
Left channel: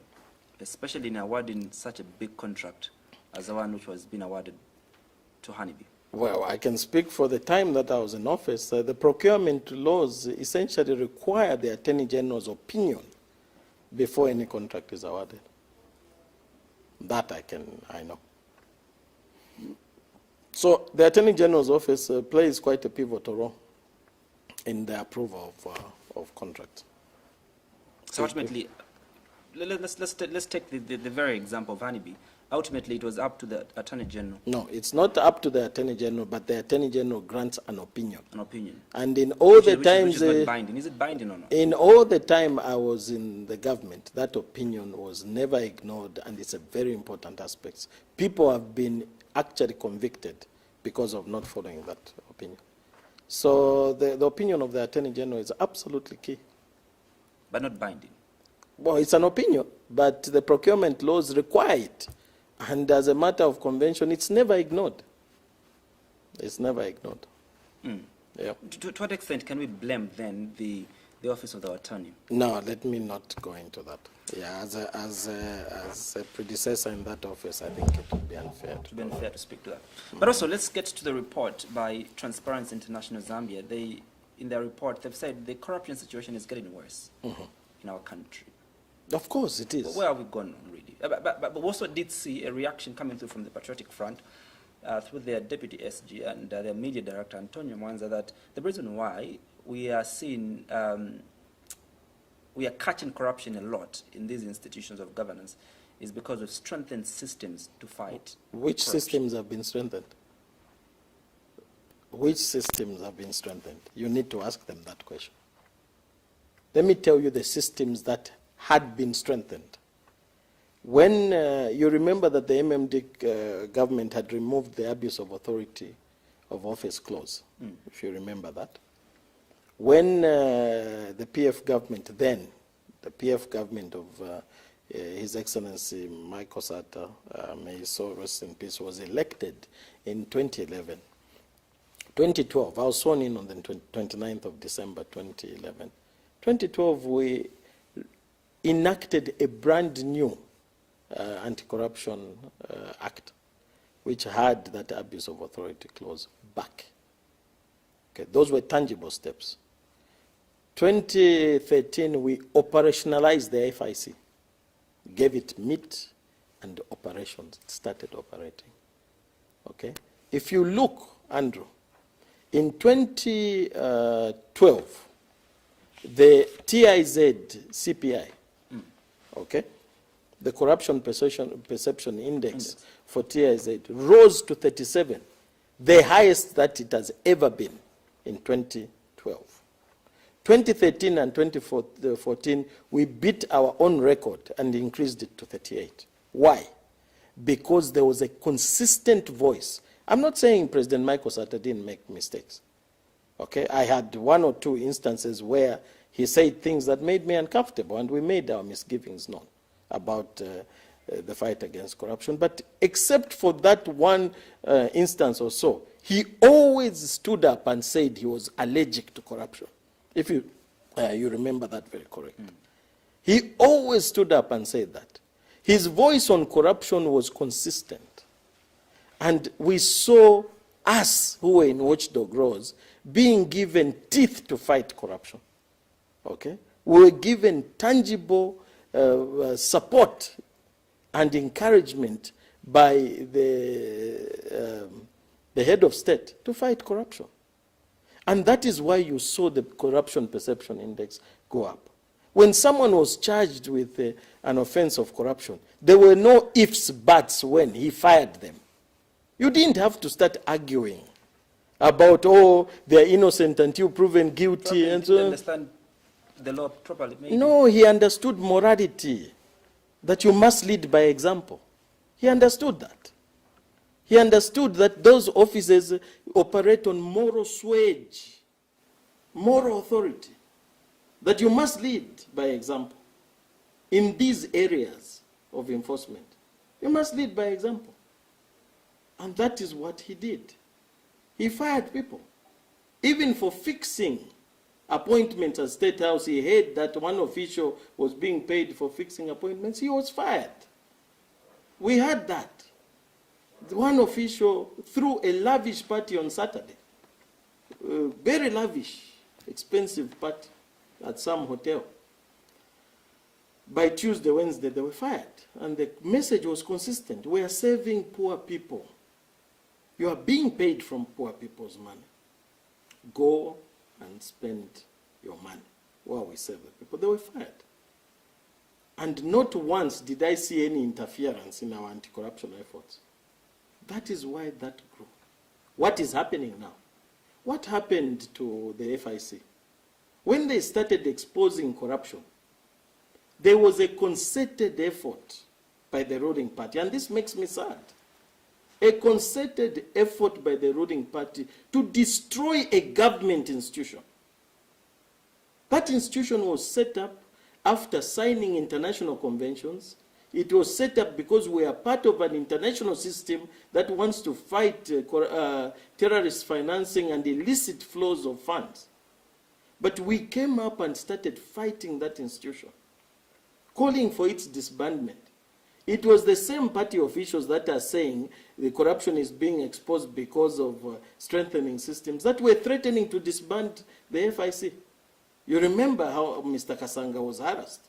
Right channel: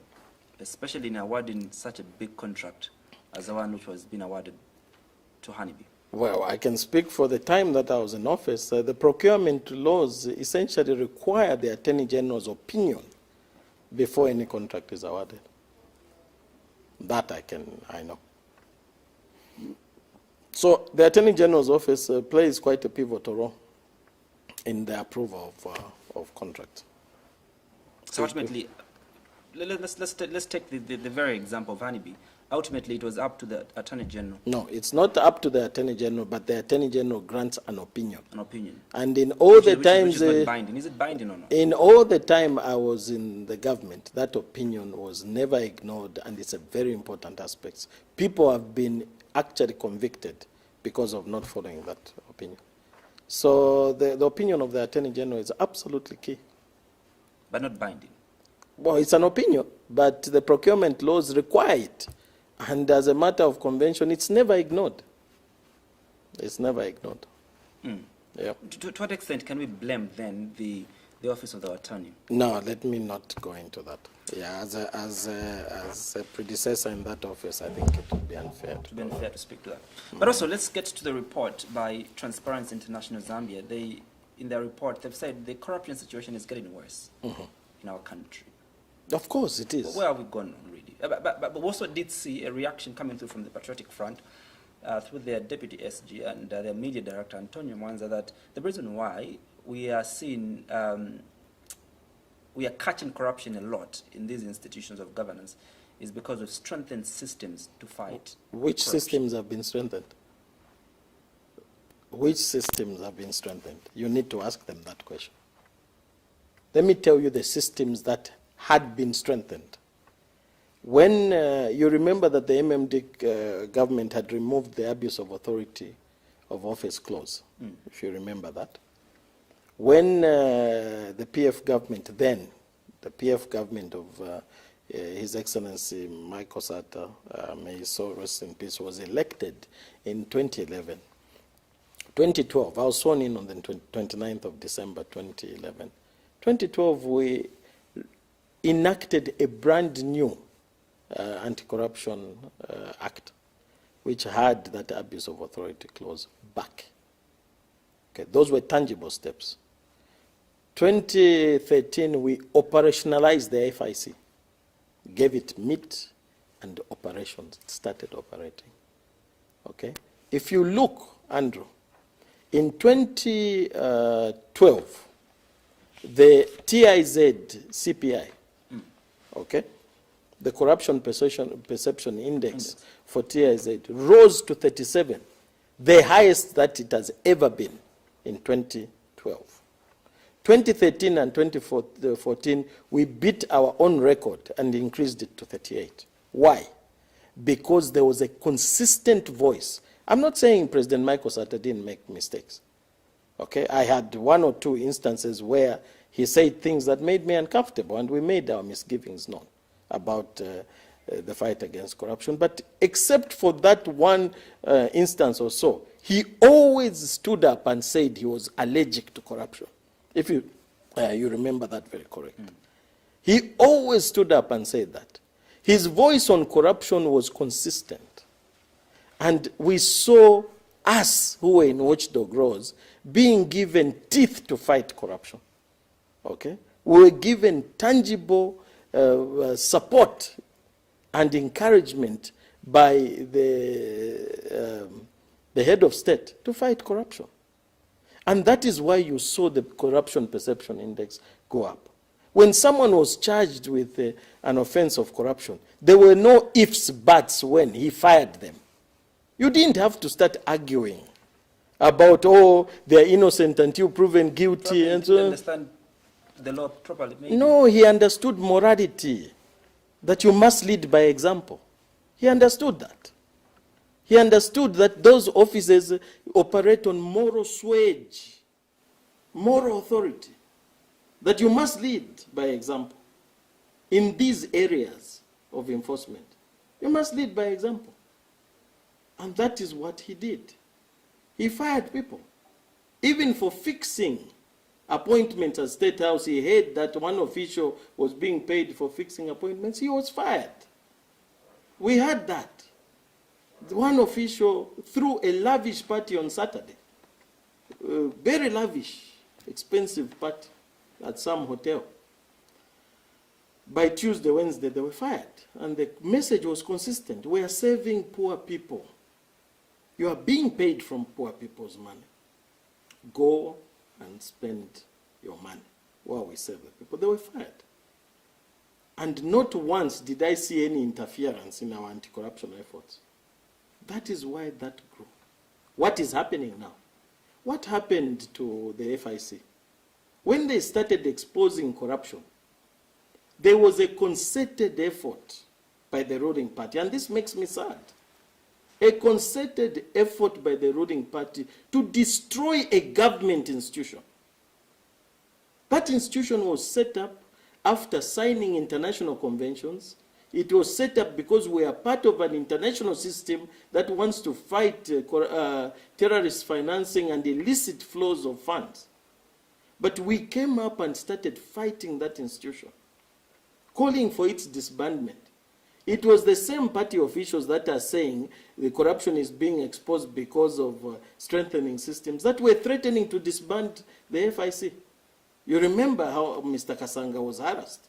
especially in awarding such a big contract as the one which was being awarded to Honeybee? Well, I can speak for the time that I was in office. The procurement laws essentially require the Attorney General's opinion before any contract is awarded. That I know. So the Attorney General's office plays quite a pivotal role in the approval of contracts. So ultimately, let's take the very example of Honeybee. ultimately it was up to the Attorney General. No, it's not up to the Attorney General, but the Attorney General grants an opinion. An opinion. And in all the times... Which is not binding. Is it binding or not? In all the time I was in the government, that opinion was never ignored, and it's a very important aspect. People have been actually convicted because of not following that opinion. So the opinion of the Attorney General is absolutely key. But not binding. Well, it's an opinion, but the procurement laws require it. And as a matter of convention, it's never ignored. It's never ignored. Yeah. To what extent can we blame then the office of the attorney? No, let me not go into that. Yeah, as a predecessor in that office, I think it would be unfair. It would be unfair to speak to that. But also, let's get to the report by Transparency International Zambia. In their report, they've said the corruption situation is getting worse in our country. Of course it is. Where are we going on, really? But we also did see a reaction coming through from the Patriotic Front through their deputy SG and their media director, Antonio Mwanza, that the reason why we are seeing, we are catching corruption a lot in these institutions of governance is because of strengthened systems to fight Which corruption. systems have been strengthened? Which systems have been strengthened? You need to ask them that question. Let me tell you the systems that had been strengthened. When you remember that the MMD government had removed the abuse of authority of office clause, if you remember that. When the PF government then, the PF government of His Excellency Michael Sata, may his soul rest in peace, was elected in 2011. 2012, I was sworn in on the 29th of December 2011. 2012, we enacted a brand new anti-corruption act, which had that abuse of authority clause back. Okay, those were tangible steps. 2013, we operationalized the FIC, gave it meat and operations. It started operating. Okay, if you look, Andrew, in 2012, the TIZ CPI, okay, the corruption perception index for TIZ rose to 37, the highest that it has ever been in 2012. 2013 and 2014, we beat our own record and increased it to 38. Why? Because there was a consistent voice. I'm not saying President Michael Sata didn't make mistakes. Okay, I had one or two instances where he said things that made me uncomfortable, and we made our misgivings known about the fight against corruption. But except for that one instance or so, he always stood up and said he was allergic to corruption. If you remember that very correctly. He always stood up and said that. His voice on corruption was consistent. And we saw us who were in watchdog roles being given teeth to fight corruption. Okay? We were given tangible support and encouragement by the head of state to fight corruption. And that is why you saw the corruption perception index go up. When someone was charged with an offense of corruption, there were no ifs, buts when he fired them. You didn't have to start arguing about, oh, they're innocent until proven guilty. And so understand the law properly. Maybe. No, he understood morality, that you must lead by example. He understood that. He understood that those officers operate on moral swage, moral authority, that you must lead by example. In these areas of enforcement, you must lead by example. And that is what he did. He fired people. Even for fixing appointments at State House, he heard that one official was being paid for fixing appointments. He was fired. We had that. One official threw a lavish party on Saturday. Very lavish, expensive party at some hotel. By Tuesday, Wednesday, they were fired. And the message was consistent. We are serving poor people. You are being paid from poor people's money. Go and spend your money while we serve the people. They were fired. And not once did I see any interference in our anti-corruption efforts. That is why that grew. What is happening now? What happened to the FIC? When they started exposing corruption, there was a concerted effort by the ruling party, and this makes me sad. A concerted effort by the ruling party to destroy a government institution. That institution was set up after signing international conventions. It was set up because we are part of an international system that wants to fight terrorist financing and illicit flows of funds. But we came up and started fighting that institution, calling for its disbandment. It was the same party officials that are saying the corruption is being exposed because of strengthening systems that were threatening to disband the FIC. You remember how Mr. Kasanga was harassed.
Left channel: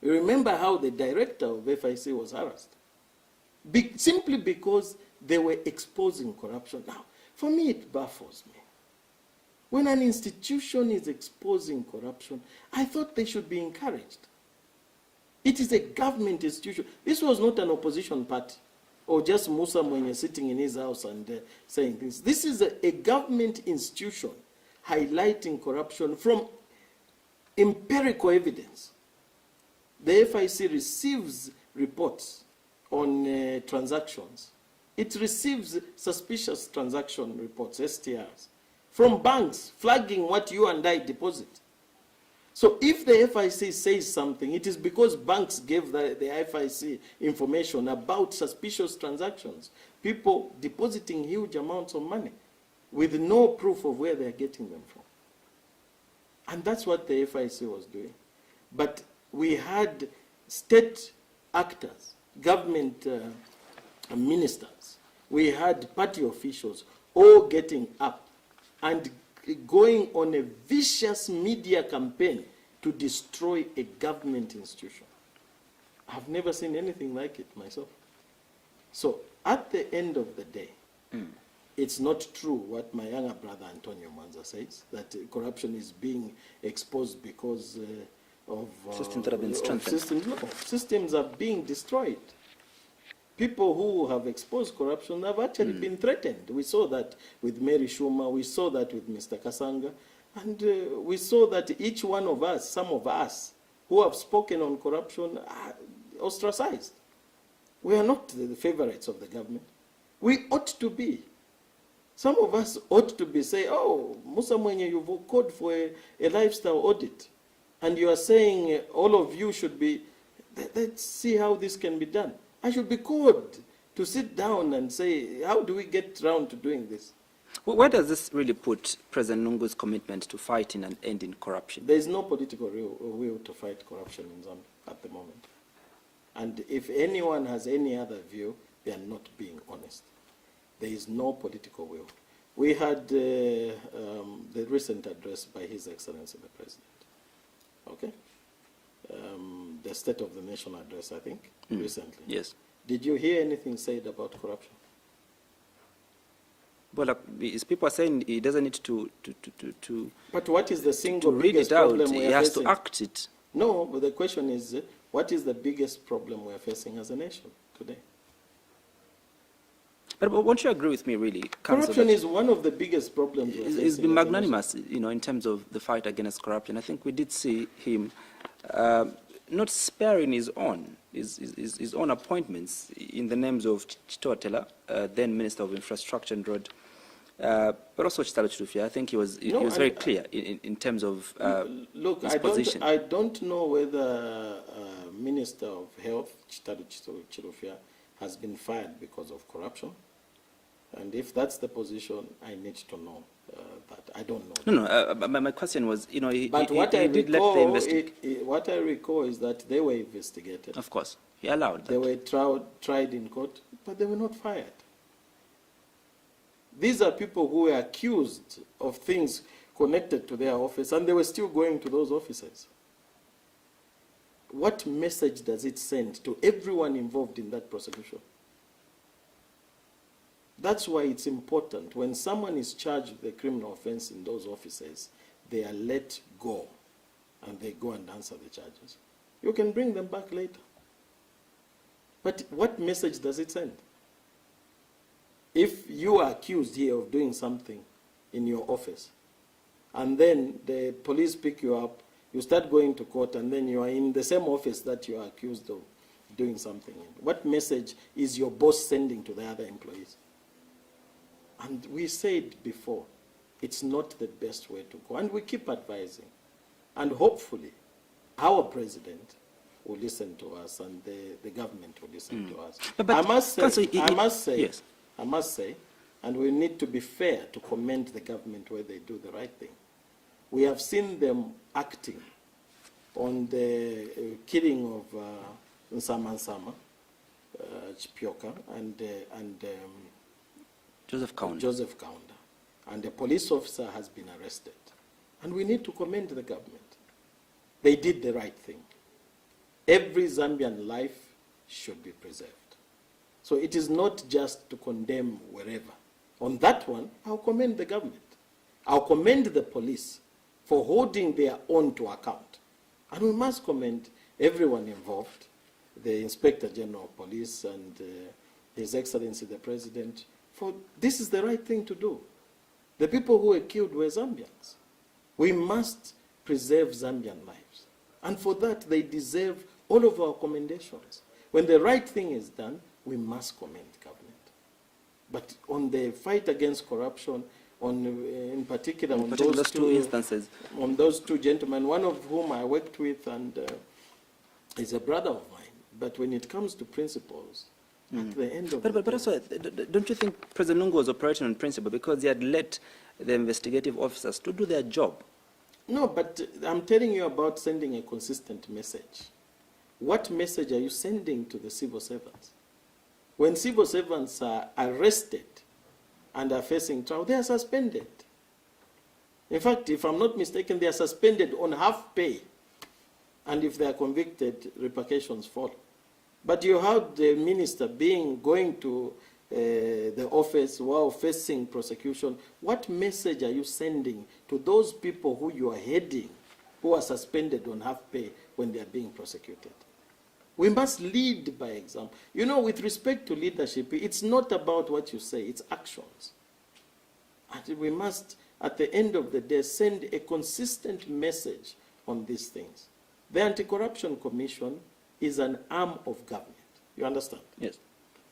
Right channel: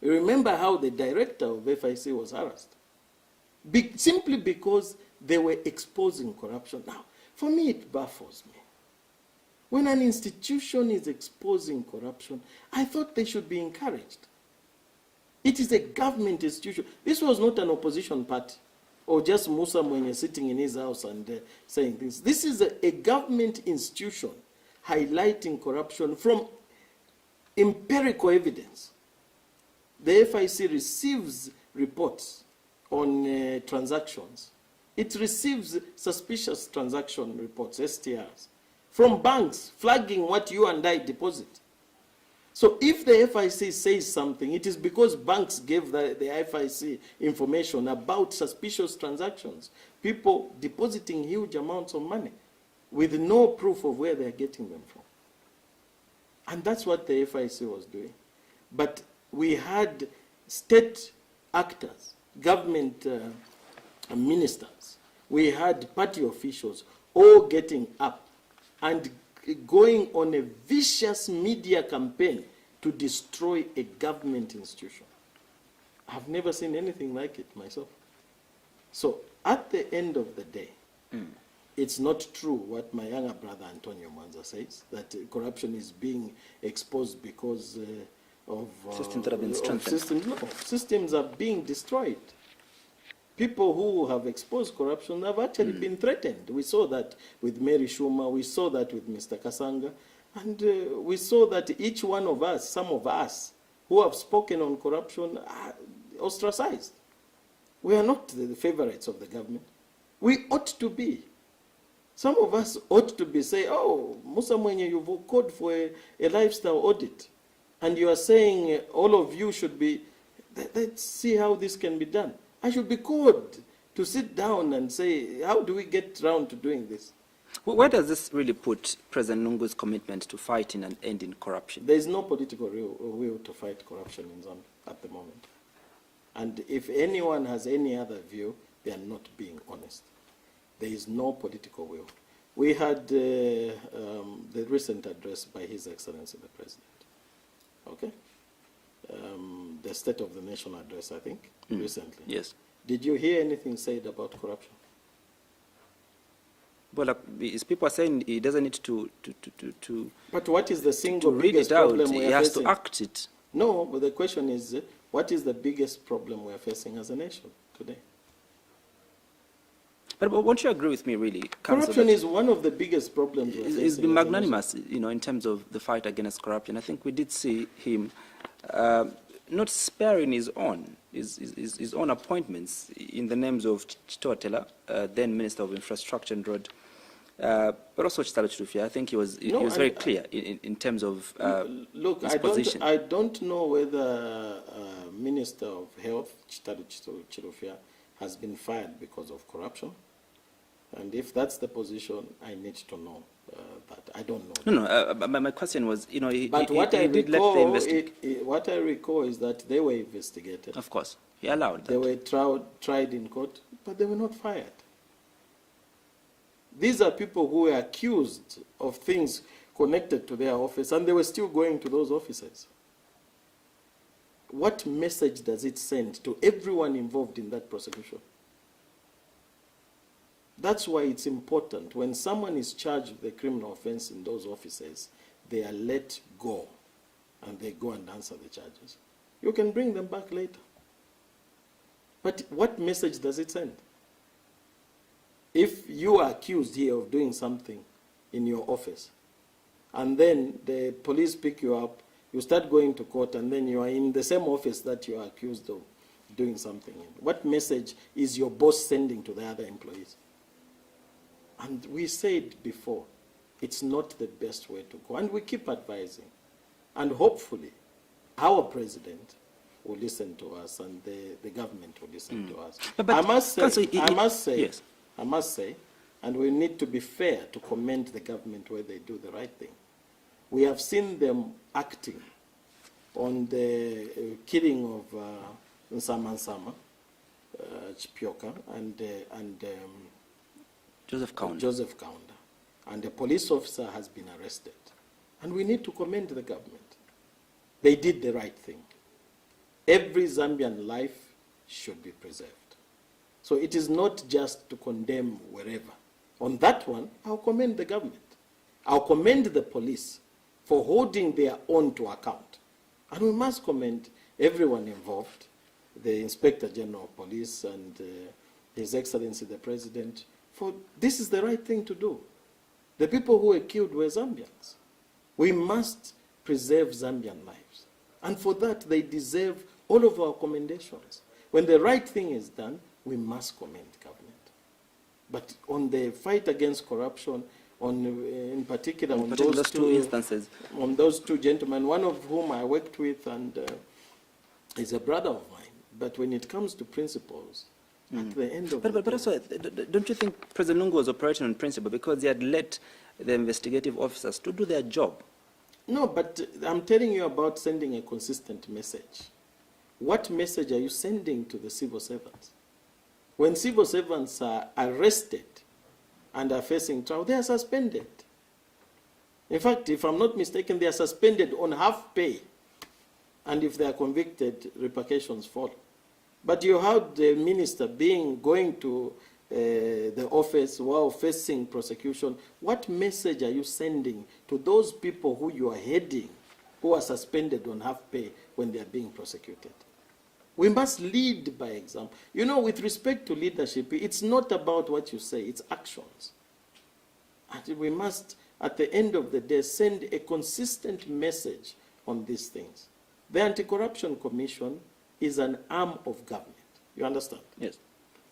You remember how the director of FIC was harassed. Simply because they were exposing corruption. Now, for me, it baffles me. When an institution is exposing corruption, I thought they should be encouraged. It is a government institution. This was not an opposition party or just Musa Mwene sitting in his house and saying this. This is a government institution highlighting corruption from empirical evidence. The FIC receives reports on transactions. It receives suspicious transaction reports, STRs, from banks flagging what you and I deposit. So if the FIC says something, it is because banks gave the FIC information about suspicious transactions, people depositing huge amounts of money with no proof of where they're getting them from. And that's what the FIC was doing. But we had state actors, government ministers, we had party officials all getting up and going on a vicious media campaign to destroy a government institution. I've never seen anything like it myself. So at the end of the day, it's not true what my younger brother Antonio Mwanza says, that corruption is being exposed because of systems that have been strengthened. Systems are being destroyed. People who have exposed corruption have actually been threatened. We saw that with Mary Schumer, we saw that with Mr. Kasanga, and we saw that each one of us, some of us, who have spoken on corruption are ostracized. We are not the favorites of the government. We ought to be. Some of us ought to be saying, oh, Musa Mwene, you've called for a lifestyle audit, and you are saying all of you should be, let's see how this can be done. I should be called to sit down and say, how do we get around to doing this? Well, where does this really put President Nungu's commitment to fighting and ending corruption? There is no political will to fight corruption in Zambia at the moment. And if anyone has any other view, they are not being honest. There is no political will. We had the recent address by His Excellency the President. Okay? The State of the Nation address, I think, recently. Yes. Did you hear anything said about corruption? Well, people are saying he doesn't need to But what is the single read biggest it out. problem we He are has facing? to act it. No, but the question is, what is the biggest problem we are facing as a nation today? But won't you agree with me, really, Councillor, Corruption is one of the biggest problems we're facing. He's been as a magnanimous, in terms of the fight against corruption. I think we did see him not sparing his own appointments in the names of Chitotela, then Minister of Infrastructure and Road, but also Chitalo Chirufya. I think he was very clear in terms of his position. I don't know whether Minister of Health, Chitalo Chirufya, has been fired because of corruption. And if that's the position, I need to know that. I don't know. No, my question was, he did what let the investigation. What I recall is that they were investigated. Of course, he allowed that. They were tried in court, but they were not fired. These are people who were accused of things connected to their office, and they were still going to those offices. What message does it send to everyone involved in that prosecution? That's why it's important. When someone is charged with a criminal offense in those offices, they are let go, and they go and answer the charges. You can bring them back later. But what message does it send? If you are accused here of doing something in your office, and then the police pick you up, you start going to court, and then you are in the same office that you are accused of doing something in. What message is your boss sending to the other employees? And we said before, it's not the best way to go. And we keep advising. And hopefully, our president will listen to us, and the government will listen to us. But I must say, and we need to be fair to commend the government where they do the right thing. We have seen them acting on the killing of Nsama Chipioka and Joseph Kaunda. Joseph Kaunda. And the police officer has been arrested. And we need to commend the government. They did the right thing. Every Zambian life should be preserved. So it is not just to condemn wherever. On that one, I'll commend the government. I'll commend the police for holding their own to account. And we must commend everyone involved, the Inspector General of Police and His Excellency the President, for this is the right thing to do. The people who were killed were Zambians. We must preserve Zambian lives. And for that, they deserve all of our commendations. When the right thing is done, we must commend government. But on the fight against corruption, in particular on those two instances, on those two gentlemen, one of whom I worked with and is a brother of mine. But when it comes to principles, at the end of but also, don't you think President Lungu was operating on principle because he had let the investigative officers to do their job? No, but I'm telling you about sending a consistent message. What message are you sending to the civil servants? When civil servants are arrested and are facing trial, they are suspended. In fact, if I'm not mistaken, they are suspended on half pay. And if they are convicted, repercussions follow. But you have the minister going to the office while facing prosecution. What message are you sending to those people who you are heading, who are suspended on half pay when they are being prosecuted? We must lead by example. You know, with respect to leadership, it's not about what you say, it's actions. And we must, at the end of the day, send a consistent message on these things. The Anti-Corruption Commission is an arm of government. You understand? Yes.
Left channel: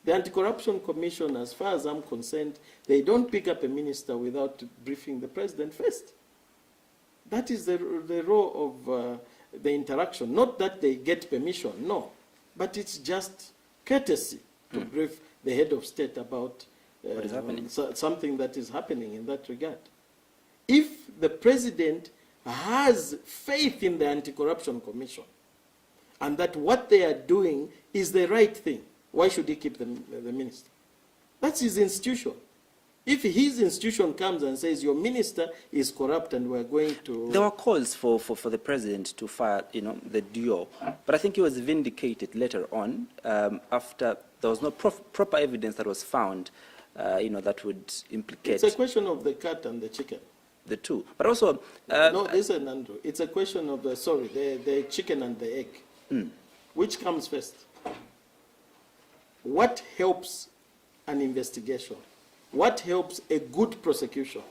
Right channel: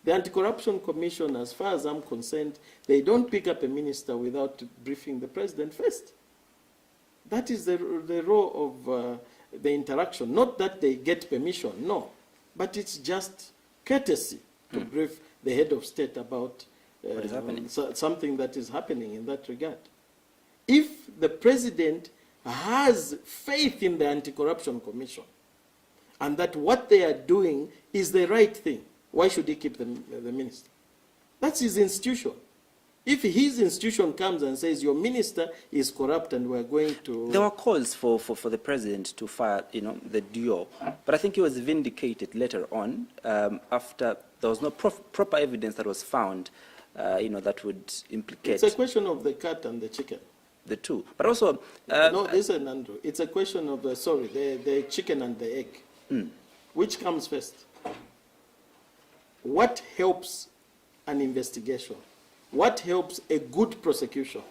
The Anti-Corruption Commission, as far as I'm concerned, they don't pick up a minister without briefing the president first. That is the role of the interaction. Not that they get permission, no. But it's just courtesy to brief the head of state about what is happening? Something that is happening in that regard. If the president has faith in the Anti-Corruption Commission and that what they are doing is the right thing, why should he keep the minister? That's his institution. If his institution comes and says your minister is corrupt and we're going to... There were calls for the president to fire, the duo. But I think he was vindicated later on after there was no proper evidence that was found, that would implicate... It's a question of the cat and the chicken. The two. But also... no, listen, Andrew. It's a question of the chicken and the egg. Which comes first? What helps an investigation? What helps a good prosecution?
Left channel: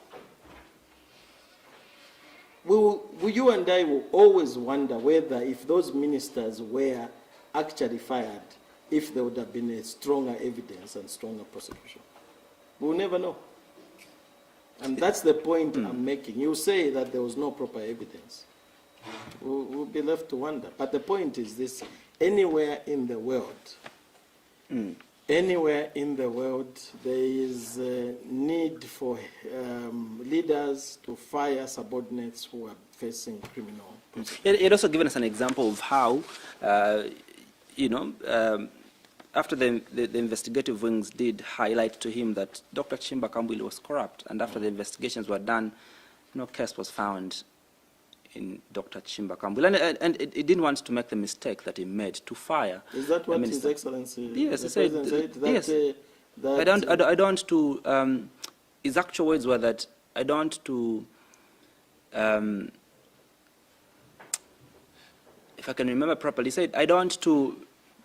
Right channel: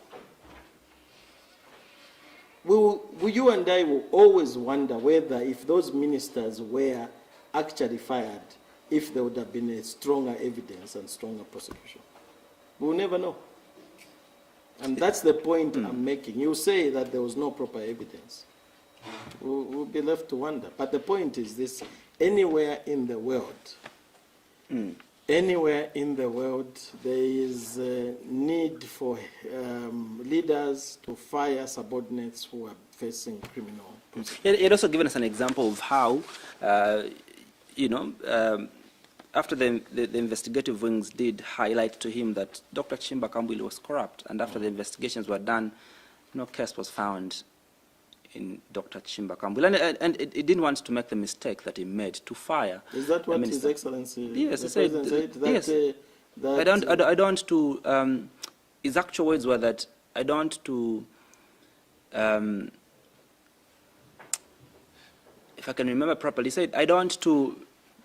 You and I will always wonder whether if those ministers were actually fired, if there would have been a stronger evidence and stronger prosecution. We'll never know. And that's the point I'm making. You say that there was no proper evidence. We'll be left to wonder. But the point is this, anywhere in the world, anywhere in the world, there is a need for leaders to fire subordinates who are facing criminal prosecution. It also given us an example of how, after the investigative wings did highlight to him that Dr. Chimba Kambwili was corrupt, and after the investigations were done, no case was found in Dr. Chimba Kambwili. And it didn't want to make the mistake that he made to fire. Is that what His Excellency the President said? Yes. I don't want to, his actual words were that I don't want to if I can remember properly, said, I don't want to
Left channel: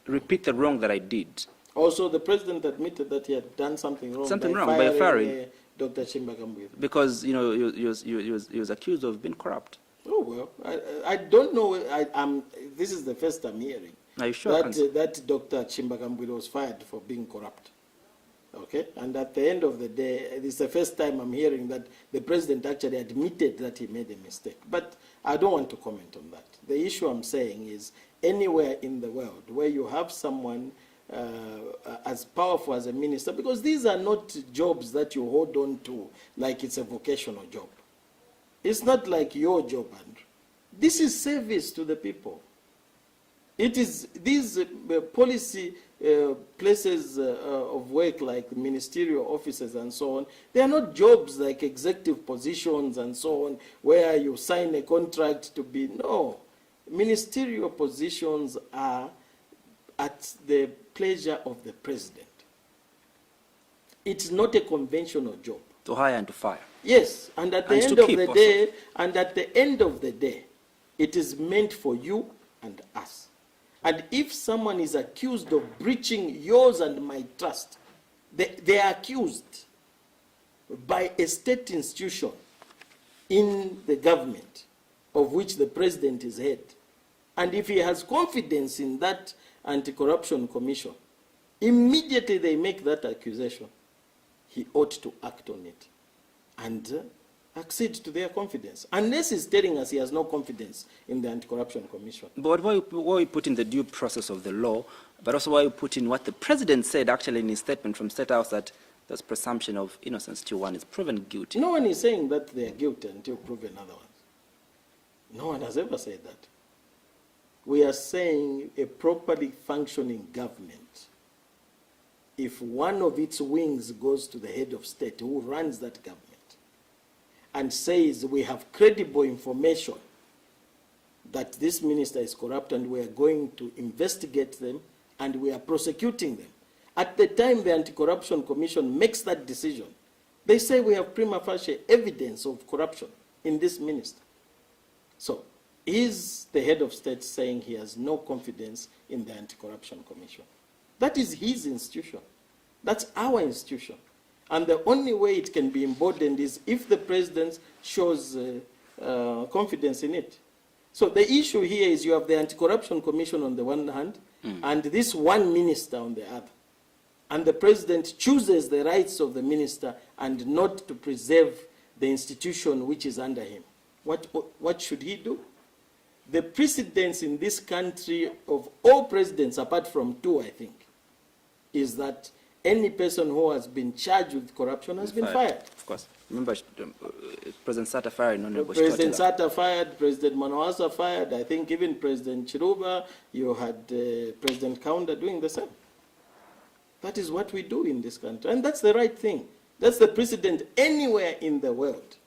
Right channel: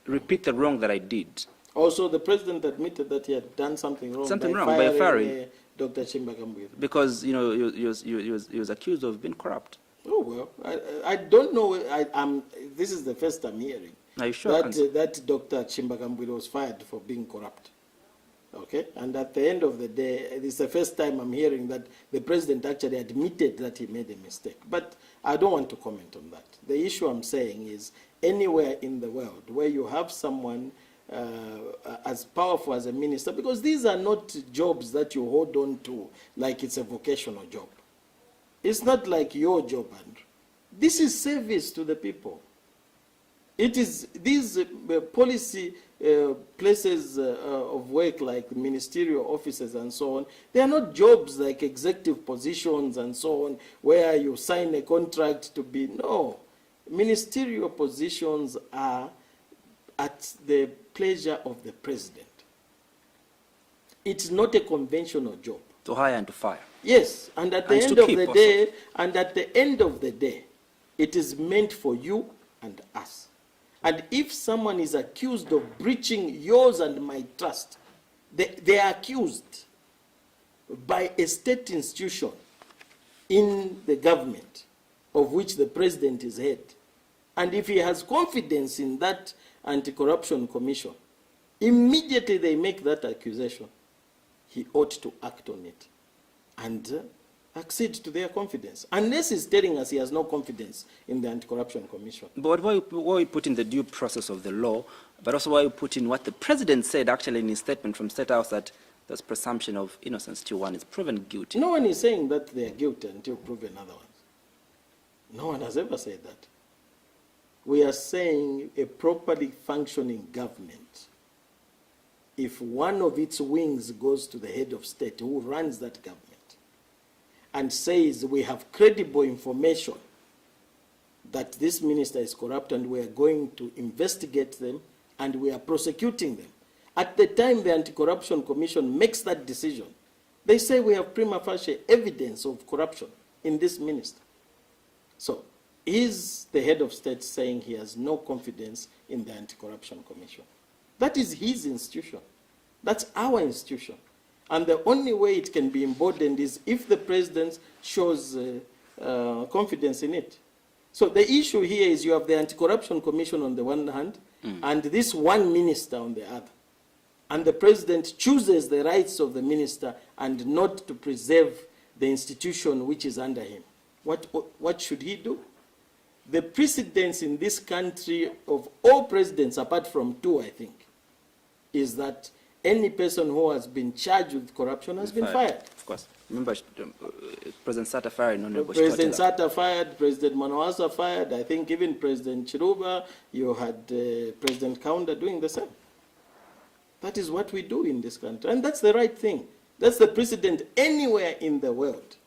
repeat the wrong that I did. Also, the president admitted that he had done something wrong By firing Dr. Chimbagambwile. Because, you know, he was accused of being corrupt. Oh, well, I don't know. This is the first I'm hearing. Are you sure? That Dr. Chimbagambwile was fired for being corrupt. Okay? And at the end of the day, it's the first time I'm hearing that the president actually admitted that he made a mistake. But I don't want to comment on that. The issue I'm saying is anywhere in the world where you have someone as powerful as a minister, because these are not jobs that you hold on to like it's a vocational job. It's not like your job, Andrew. This is service to the people. It is these policy places of work like ministerial offices and so on. They are not jobs like executive positions and so on where you sign a contract to be. No. Ministerial positions are at the pleasure of the president. It's not a conventional job. To hire and to fire. Yes, and at the end of the day, it is meant for you and us. And if someone is accused of breaching yours and my trust, they are accused by a state institution in the government of which the president is head. And if he has confidence in that anti-corruption commission, immediately they make that accusation, he ought to act on it and accede to their confidence. Unless he's telling us he has no confidence in the anti-corruption commission. But why we put in the due process of the law, but also why we put in what the president said actually in his statement from State House, that there's presumption of innocence till one is proven guilty. No one is saying that they are guilty until proven otherwise. No one has ever said that. We are saying a properly functioning government, if one of its wings goes to the head of state who runs that government and says we have credible information that this minister is corrupt and we are going to investigate them and we are prosecuting them. At the time the Anti-Corruption Commission makes that decision, they say we have prima facie evidence of corruption in this minister. So, is the head of state saying he has no confidence in the Anti-Corruption Commission? That is his institution. That's our institution. And the only way it can be emboldened is if the president shows confidence in it. So the issue here is you have the Anti-Corruption Commission on the one hand, and this one minister on the other. And the president chooses the rights of the minister and not to preserve the institution which is under him. What should he do? The precedence in this country of all presidents, apart from two, I think, is that any person who has been charged with corruption has been fired. Of course. Remember, President Sata fired. President Sata fired, President Manawasa fired. I think even President Chiruba, you had President Kaunda doing the same. That is what we do in this country. And that's the right thing. That's the precedent anywhere in the world.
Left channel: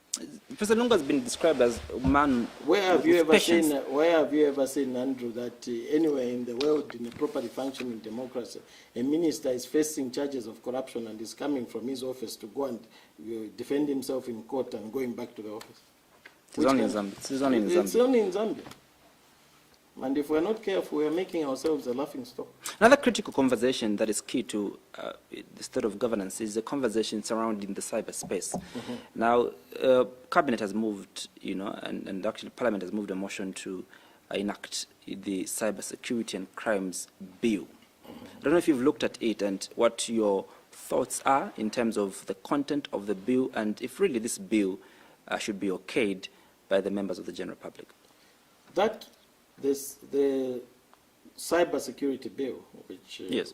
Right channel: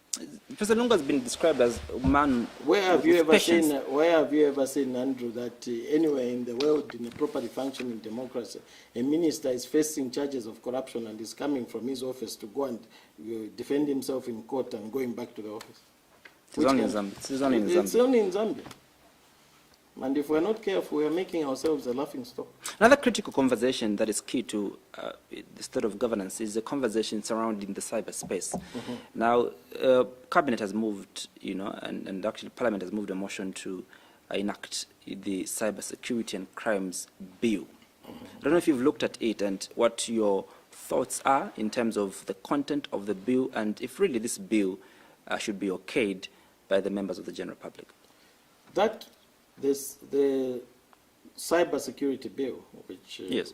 President Lunga has been described as a man. Where have you ever seen, Andrew, that anywhere in the world, in a properly functioning democracy, a minister is facing charges of corruption and is coming from his office to go and defend himself in court and going back to the office? It's only in Zambia. It's only in Zambia. And if we're not careful, we're making ourselves a laughing stock. Another critical conversation that is key to the state of governance is the conversation surrounding the cyberspace. Now, Cabinet has moved, and actually Parliament has moved a motion to enact the Cybersecurity and Crimes Bill. I don't know if you've looked at it and what your thoughts are in terms of the content of the bill and if really this bill should be okayed by the members of the general public. The cybersecurity bill, which is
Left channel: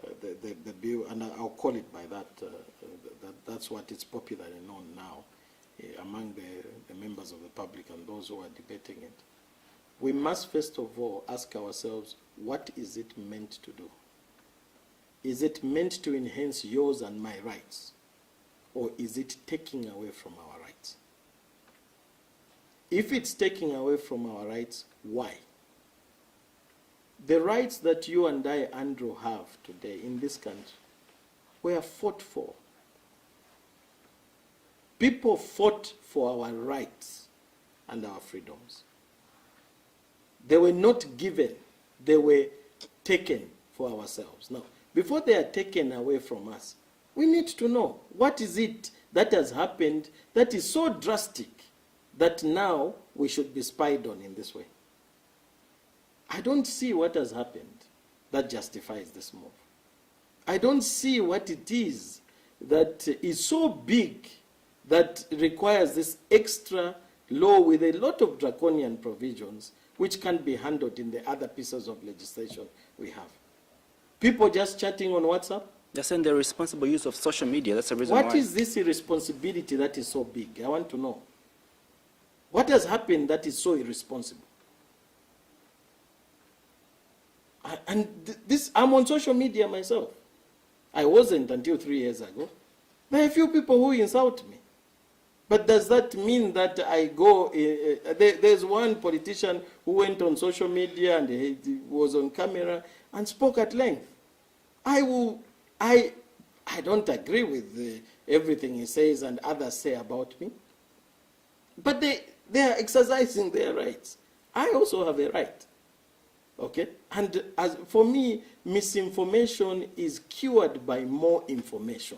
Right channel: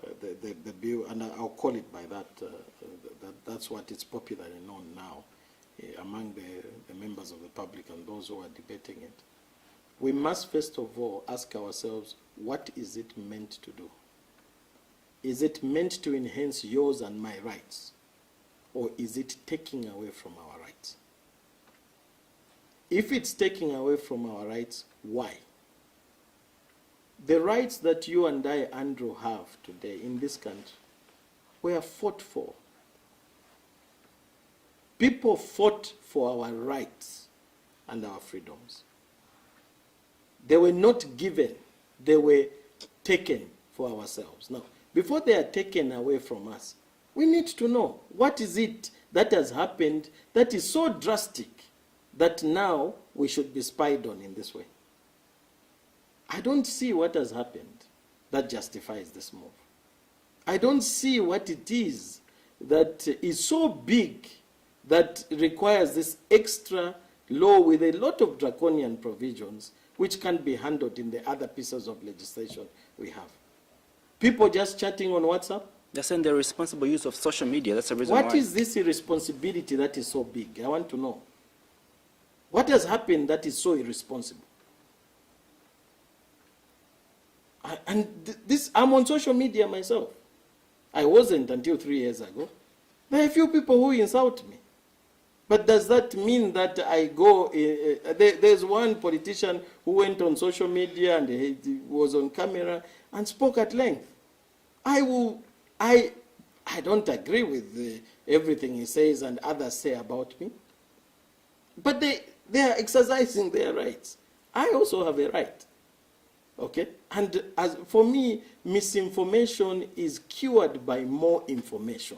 the bill, and I'll call it by that. That's what it's popularly known now among the members of the public and those who are debating it. We must first of all ask ourselves, what is it meant to do? Is it meant to enhance yours and my rights, or is it taking away from our rights? If it's taking away from our rights, why? The rights that you and I, Andrew, have today in this country were fought for. People fought for our rights and our freedoms. They were not given, they were taken for ourselves. Now, before they are taken away from us, we need to know what is it that has happened that is so drastic that now we should be spied on in this way. I don't see what has happened that justifies this move. I don't see what it is that is so big that requires this extra law with a lot of draconian provisions which can't be handled in the other pieces of legislation we have. People just chatting on WhatsApp. They're saying the responsible use of social media. That's the reason why. What is this irresponsibility that is so big? I want to know. What has happened that is so irresponsible? I'm on social media myself. I wasn't until 3 years ago. There are a few people who insult me. But does that mean that I go... there's one politician who went on social media and he was on camera and spoke at length. I don't agree with everything he says and others say about me. But they are exercising their rights. I also have a right. Okay? And as for me, misinformation is cured by more information.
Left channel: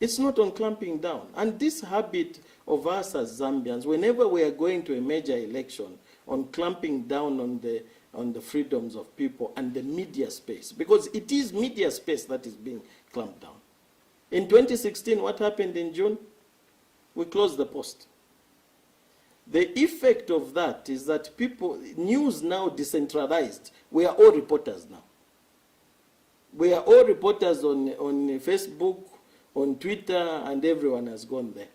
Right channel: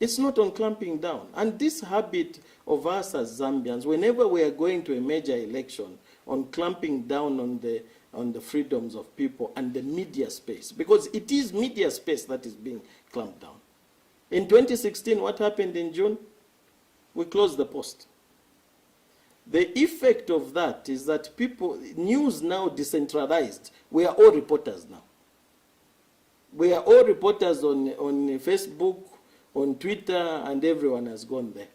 It's not on clamping down. And this habit of us as Zambians, whenever we are going to a major election, on clamping down on the freedoms of people and the media space, because it is media space that is being clamped down. In 2016, what happened in June? We closed the Post. The effect of that is that news now decentralized. We are all reporters now. We are all reporters on Facebook, on Twitter, and everyone has gone there.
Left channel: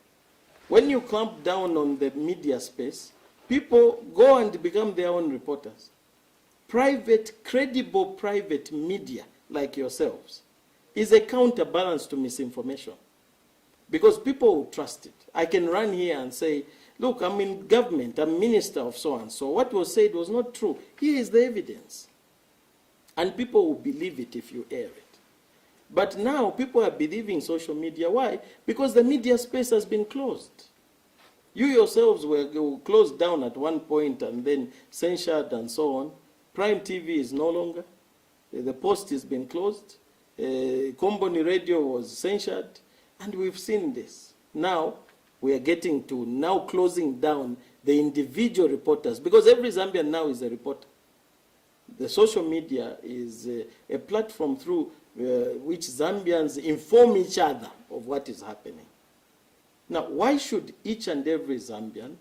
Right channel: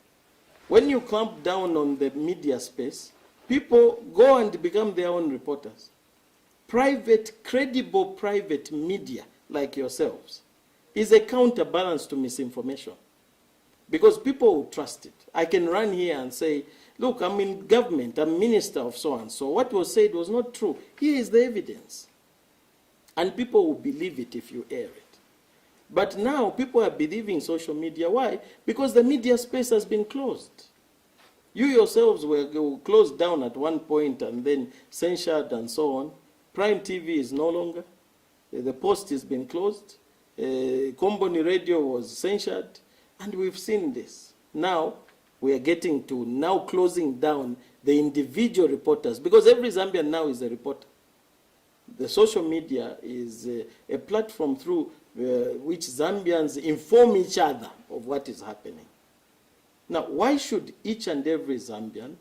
When you clamp down on the media space, people go and become their own reporters. Credible private media like yourselves is a counterbalance to misinformation. Because people will trust it. I can run here and say, look, I'm in government, I'm minister of so-and-so. What was said was not true. Here is the evidence. And people will believe it if you air it. But now people are believing social media. Why? Because the media space has been closed. You yourselves were closed down at one point and then censured and so on. Prime TV is no longer. The Post has been closed. Komboni Radio was censured. And we've seen this. Now, we are getting to now closing down the individual reporters, because every Zambian now is a reporter. The social media is a platform through which Zambians inform each other of what is happening. Now, why should each and every Zambian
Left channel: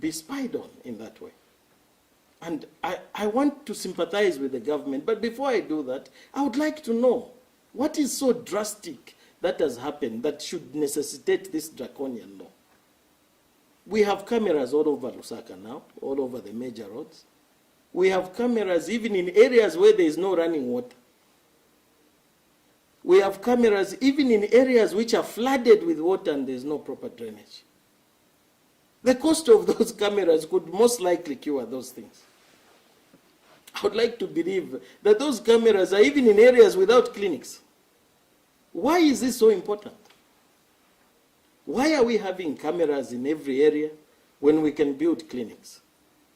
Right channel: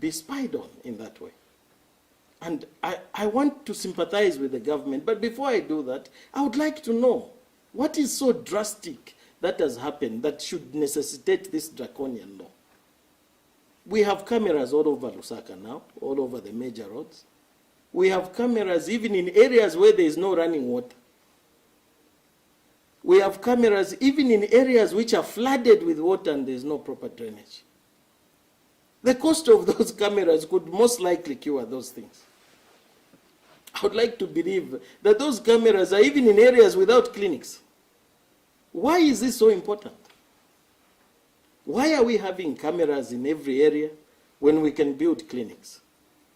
be spied on in that way? And I want to sympathize with the government, but before I do that, I would like to know what is so drastic that has happened that should necessitate this draconian law. We have cameras all over Lusaka now, all over the major roads. We have cameras even in areas where there is no running water. We have cameras even in areas which are flooded with water and there is no proper drainage. The cost of those cameras could most likely cure those things. I would like to believe that those cameras are even in areas without clinics. Why is this so important? Why are we having cameras in every area when we can build clinics?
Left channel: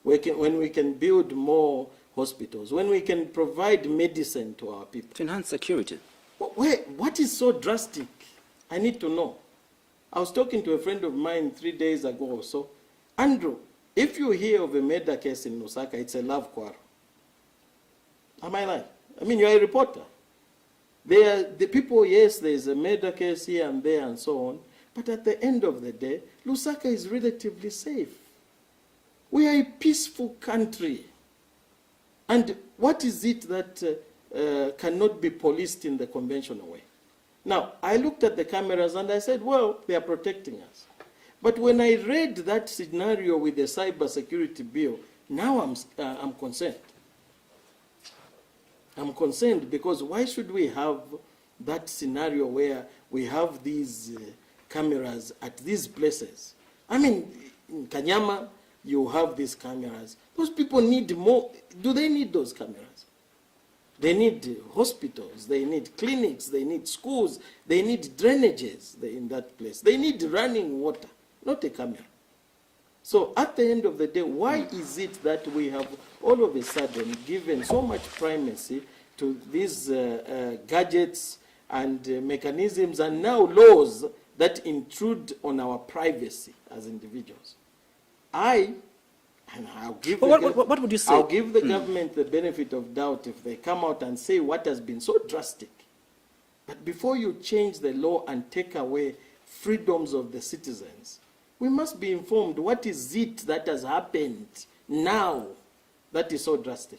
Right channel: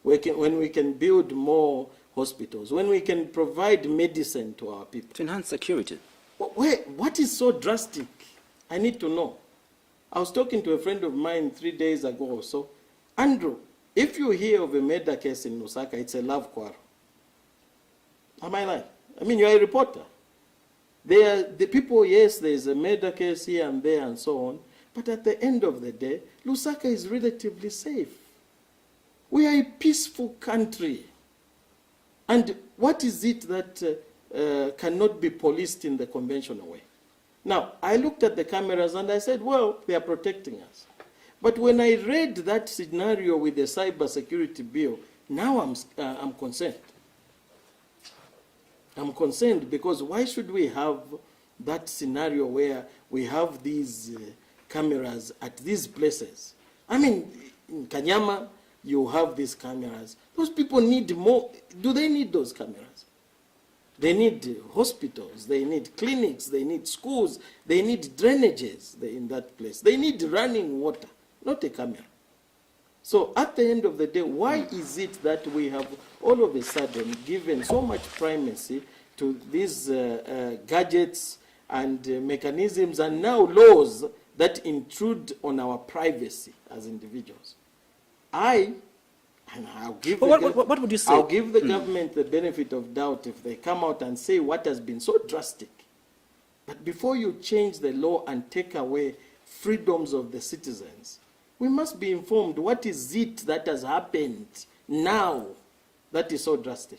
When we can build more hospitals? When we can provide medicine to our people? To enhance security. What is so drastic? I need to know. I was talking to a friend of mine 3 days ago or so. Andrew, if you hear of a murder case in Lusaka, it's a love quarrel. Am I right? I mean, you're a reporter. The people, yes, there's a murder case here and there and so on, but at the end of the day, Lusaka is relatively safe. We are a peaceful country. And what is it that cannot be policed in the conventional way? Now, I looked at the cameras and I said, well, they are protecting us. But when I read that scenario with the cyber security bill, now I'm concerned. I'm concerned because why should we have that scenario where we have these cameras at these places? I mean, in Kanyama, you have these cameras. Those people need more. Do they need those cameras? They need hospitals, they need clinics, they need schools, they need drainages in that place. They need running water, not a camera. So at the end of the day, why is it that we have all of a sudden given so much primacy to these gadgets and mechanisms and now laws that intrude on our privacy as individuals? I'll give what would you say? I'll give the government the benefit of doubt if they come out and say what has been so drastic. But before you change the law and take away freedoms of the citizens, we must be informed what is it that has happened now that is so drastic.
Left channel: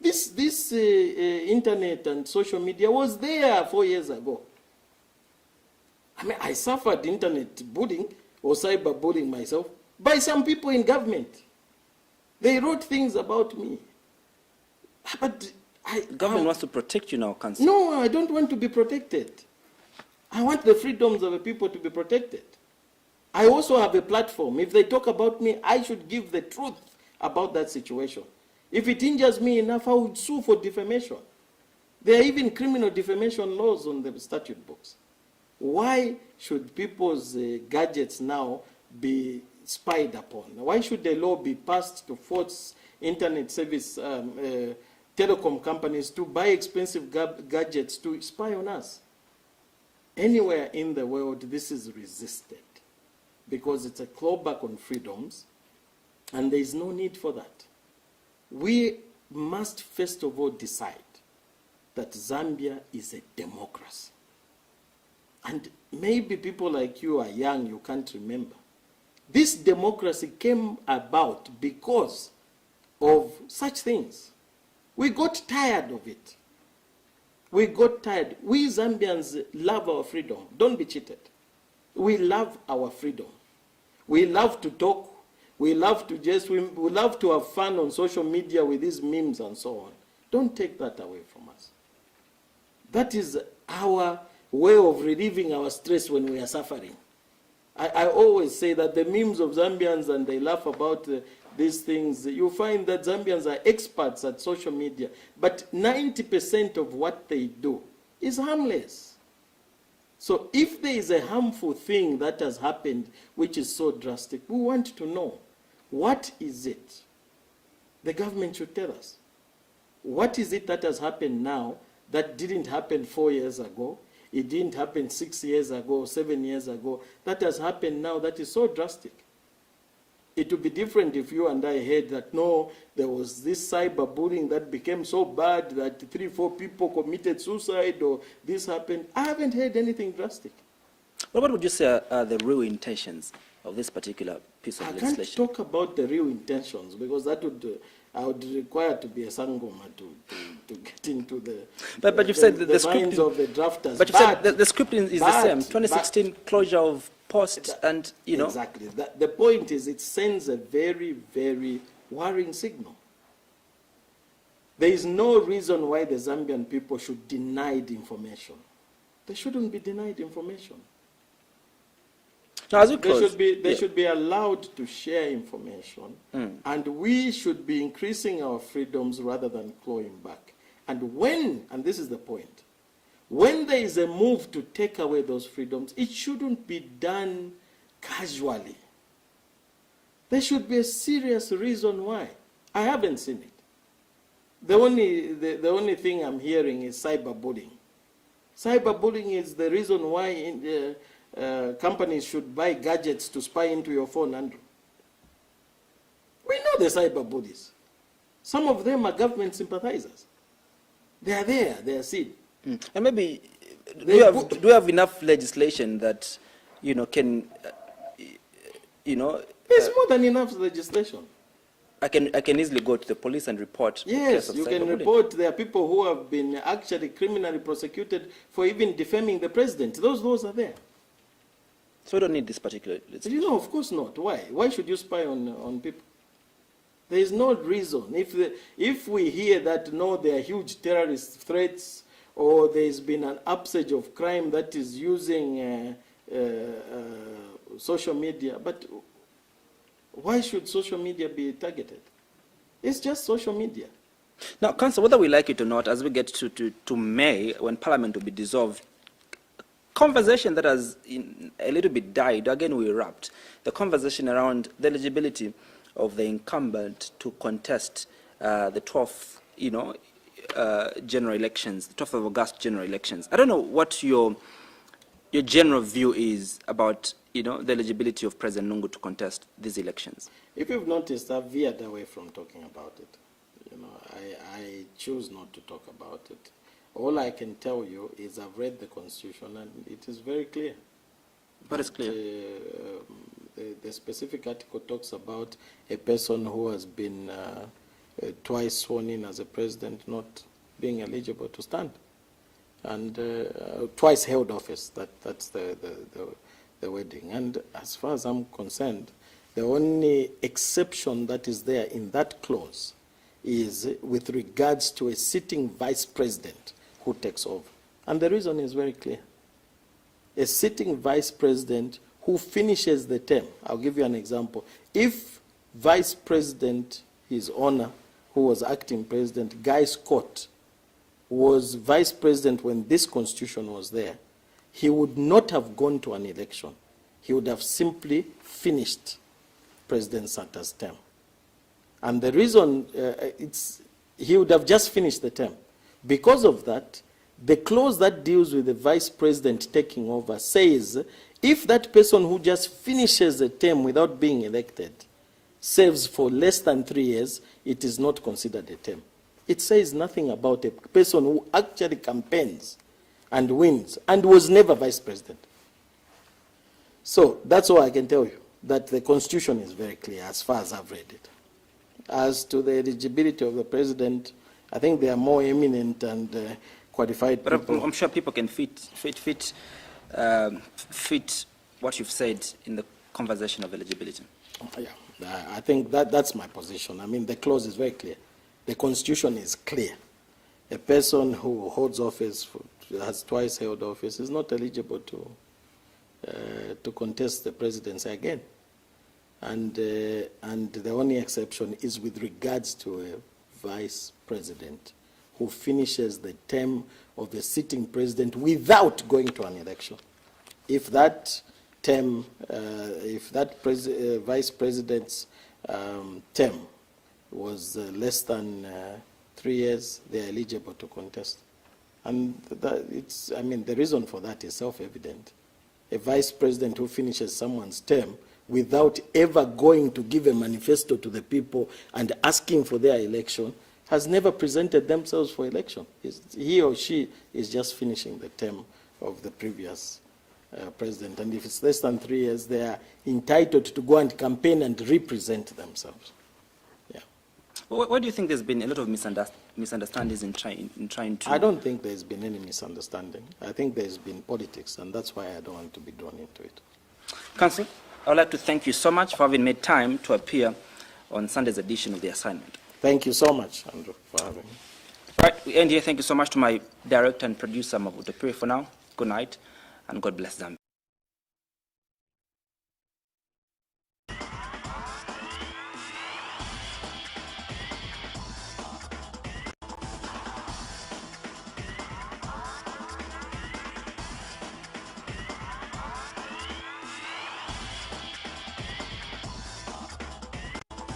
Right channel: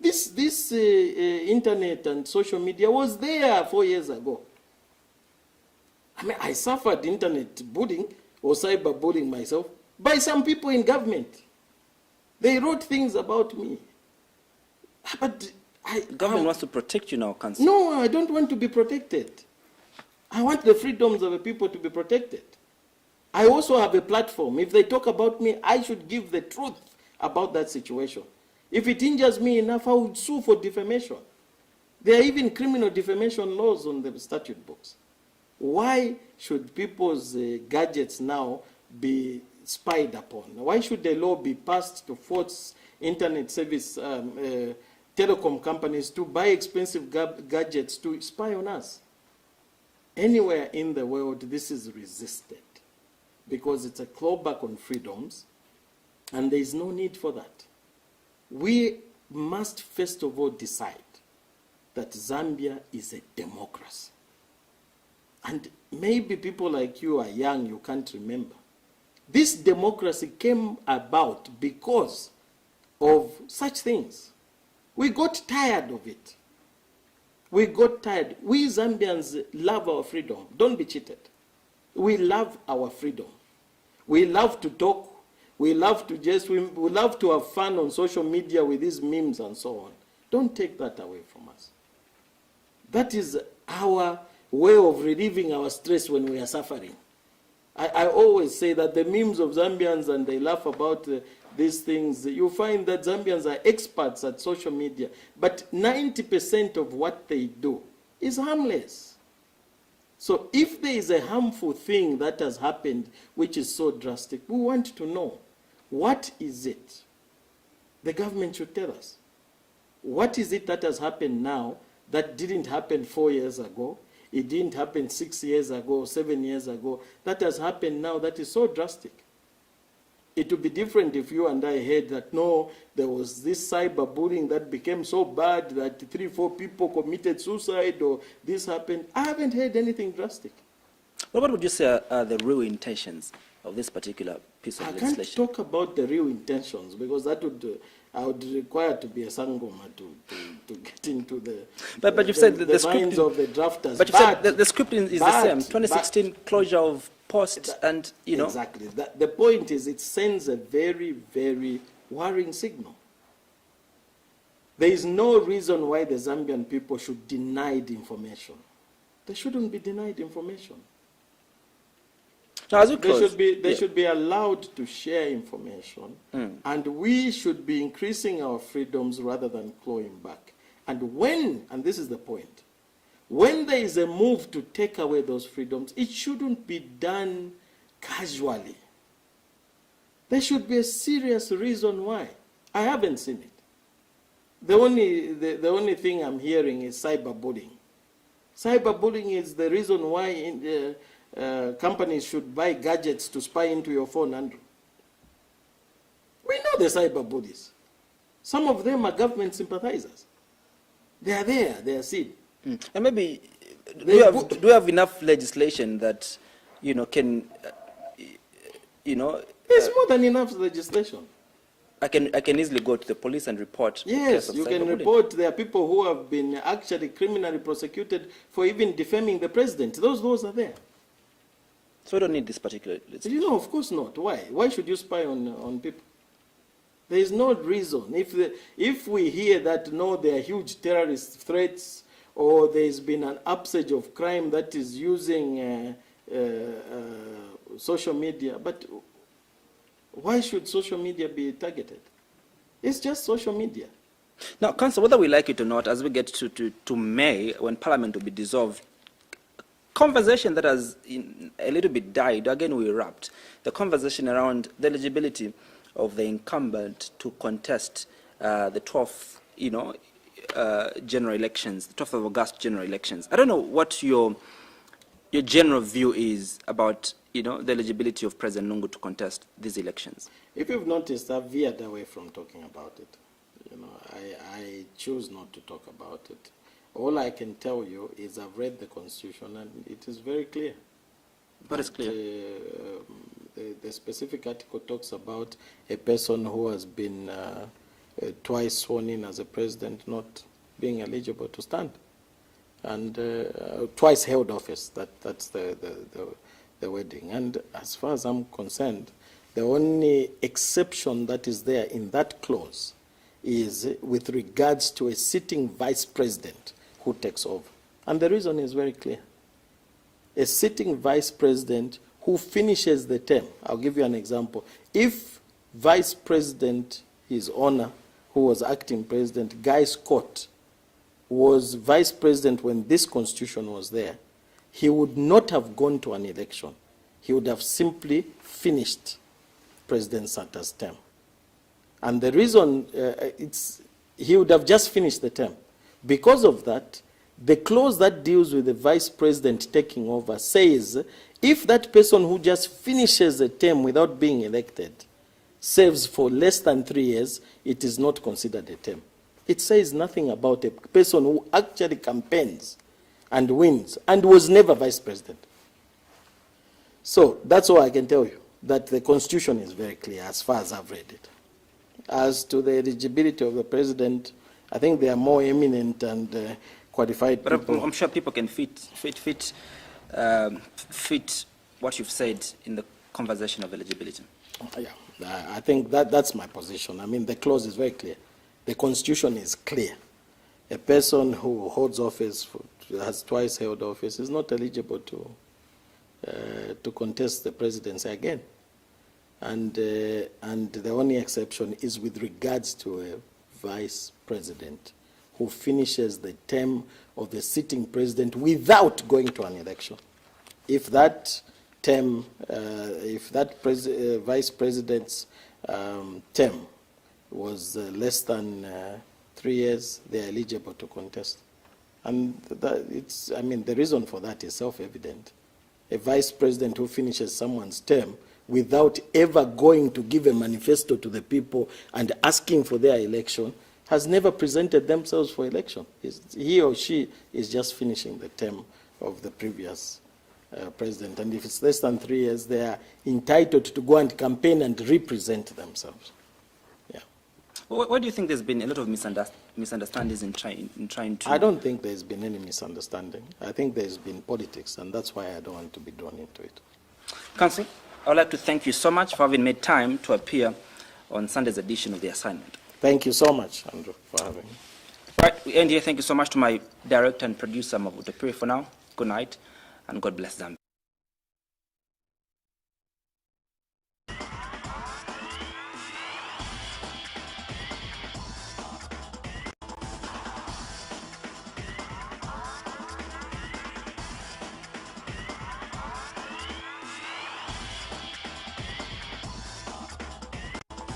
This internet and social media was there 4 years ago. I mean, I suffered internet bullying or cyber bullying myself by some people in government. They wrote things about me. But government wants to protect you now, Council. No, I don't want to be protected. I want the freedoms of the people to be protected. I also have a platform. If they talk about me, I should give the truth about that situation. If it injures me enough, I would sue for defamation. There are even criminal defamation laws on the statute books. Why should people's gadgets now be spied upon? Why should the law be passed to force internet service telecom companies to buy expensive gadgets to spy on us? Anywhere in the world, this is resisted because it's a clawback on freedoms, and there is no need for that. We must first of all decide that Zambia is a democracy. And maybe people like you are young, you can't remember. This democracy came about because of such things. We got tired of it. We got tired. We Zambians love our freedom. Don't be cheated. We love our freedom. We love to talk. We love to we love to have fun on social media with these memes and so on. Don't take that away from us. That is our way of relieving our stress when we are suffering. I always say that the memes of Zambians, and they laugh about these things, you find that Zambians are experts at social media, but 90% of what they do is harmless. So if there is a harmful thing that has happened which is so drastic, we want to know, what is it? The government should tell us. What is it that has happened now that didn't happen 4 years ago? It didn't happen 6 years ago, 7 years ago. That has happened now that is so drastic. It would be different if you and I heard that, no, there was this cyberbullying that became so bad that 3 or 4 people committed suicide or this happened. I haven't heard anything drastic. What would you say are the real intentions of this particular piece of legislation? I can't talk about the real intentions because that would, I would require to be a sangoma to get into the, but you've said the minds of the drafters. But you've said the script is the same, 2016 closure of post and, you know. Exactly. The point is it sends a very, very worrying signal. There is no reason why the Zambian people should be denied information. They shouldn't be denied information. So as we close, they should be allowed to share information, and we should be increasing our freedoms rather than clawing back. And and this is the point, when there is a move to take away those freedoms, it shouldn't be done casually. There should be a serious reason why. I haven't seen it. The only thing I'm hearing is cyberbullying. Cyberbullying is the reason why companies should buy gadgets to spy into your phone, Andrew. We know the cyber bullies. Some of them are government sympathizers. They are there, they are seen. And maybe, do we have enough legislation that, you know, can, you know... There's more than enough legislation. I can easily go to the police and report. Yes, you can report. There are people who have been actually criminally prosecuted for even defaming the president. Those laws are there. So we don't need this particular legislation. You know, of course not. Why? Why should you spy on people? There is no reason. If we hear that, no, there are huge terrorist threats, or there's been an upsurge of crime that is using social media, but why should social media be targeted? It's just social media. Now, Council, whether we like it or not, as we get to May, when Parliament will be dissolved, conversation that has a little bit died, again we erupt, the conversation around the eligibility of the incumbent to contest the 12th, general elections, the 12th of August general elections. I don't know what your general view is about, the eligibility of President Lungu to contest these elections. If you've noticed, I've veered away from talking about it. I choose not to talk about it. All I can tell you is I've read the Constitution and it is very clear. What is clear? The specific article talks about a person who has been twice sworn in as a president not being eligible to stand, and twice held office. That's the wording. And as far as I'm concerned, the only exception that is there in that clause is with regards to a sitting vice president who takes over. And the reason is very clear. A sitting vice president who finishes the term. I'll give you an example. If Vice President, His Honor, who was acting president, Guy Scott, was vice president when this constitution was there, he would not have gone to an election. He would have simply finished President Santa's term. And the reason he would have just finished the term. Because of that, the clause that deals with the vice president taking over says if that person who just finishes a term without being elected serves for less than 3 years, it is not considered a term. It says nothing about a person who actually campaigns and wins and was never vice president. So that's all I can tell you, that the Constitution is very clear as far as I've read it. As to the eligibility of the president, I think they are more eminent and qualified but people. I'm sure people can fit what you've said in the conversation of eligibility. Yeah, I think that's my position. I mean, the clause is very clear. The Constitution is clear. A person who holds office, has twice held office, is not eligible to contest the presidency again. And the only exception is with regards to a vice president who finishes the term of the sitting president without going to an election. If that term, vice president's term was less than 3 years, they are eligible to contest. And the reason for that is self-evident. A vice president who finishes someone's term without ever going to give a manifesto to the people and asking for their election has never presented themselves for election. He or she is just finishing the term of the previous president. And if it's less than 3 years, they are entitled to go and campaign and represent themselves. Yeah. Why do you think there's been a lot of misunderstandings in trying to... I don't think there's been any misunderstanding. I think there's been politics, and that's why I don't want to be drawn into it. Council, I would like to thank you so much for having made time to appear on Sunday's edition of The Assignment. Thank you so much, Andrew, for having me. Right, we end here. Thank you so much to my director and producer, Mabuto Piri, for now. Good night, and God bless Zambia.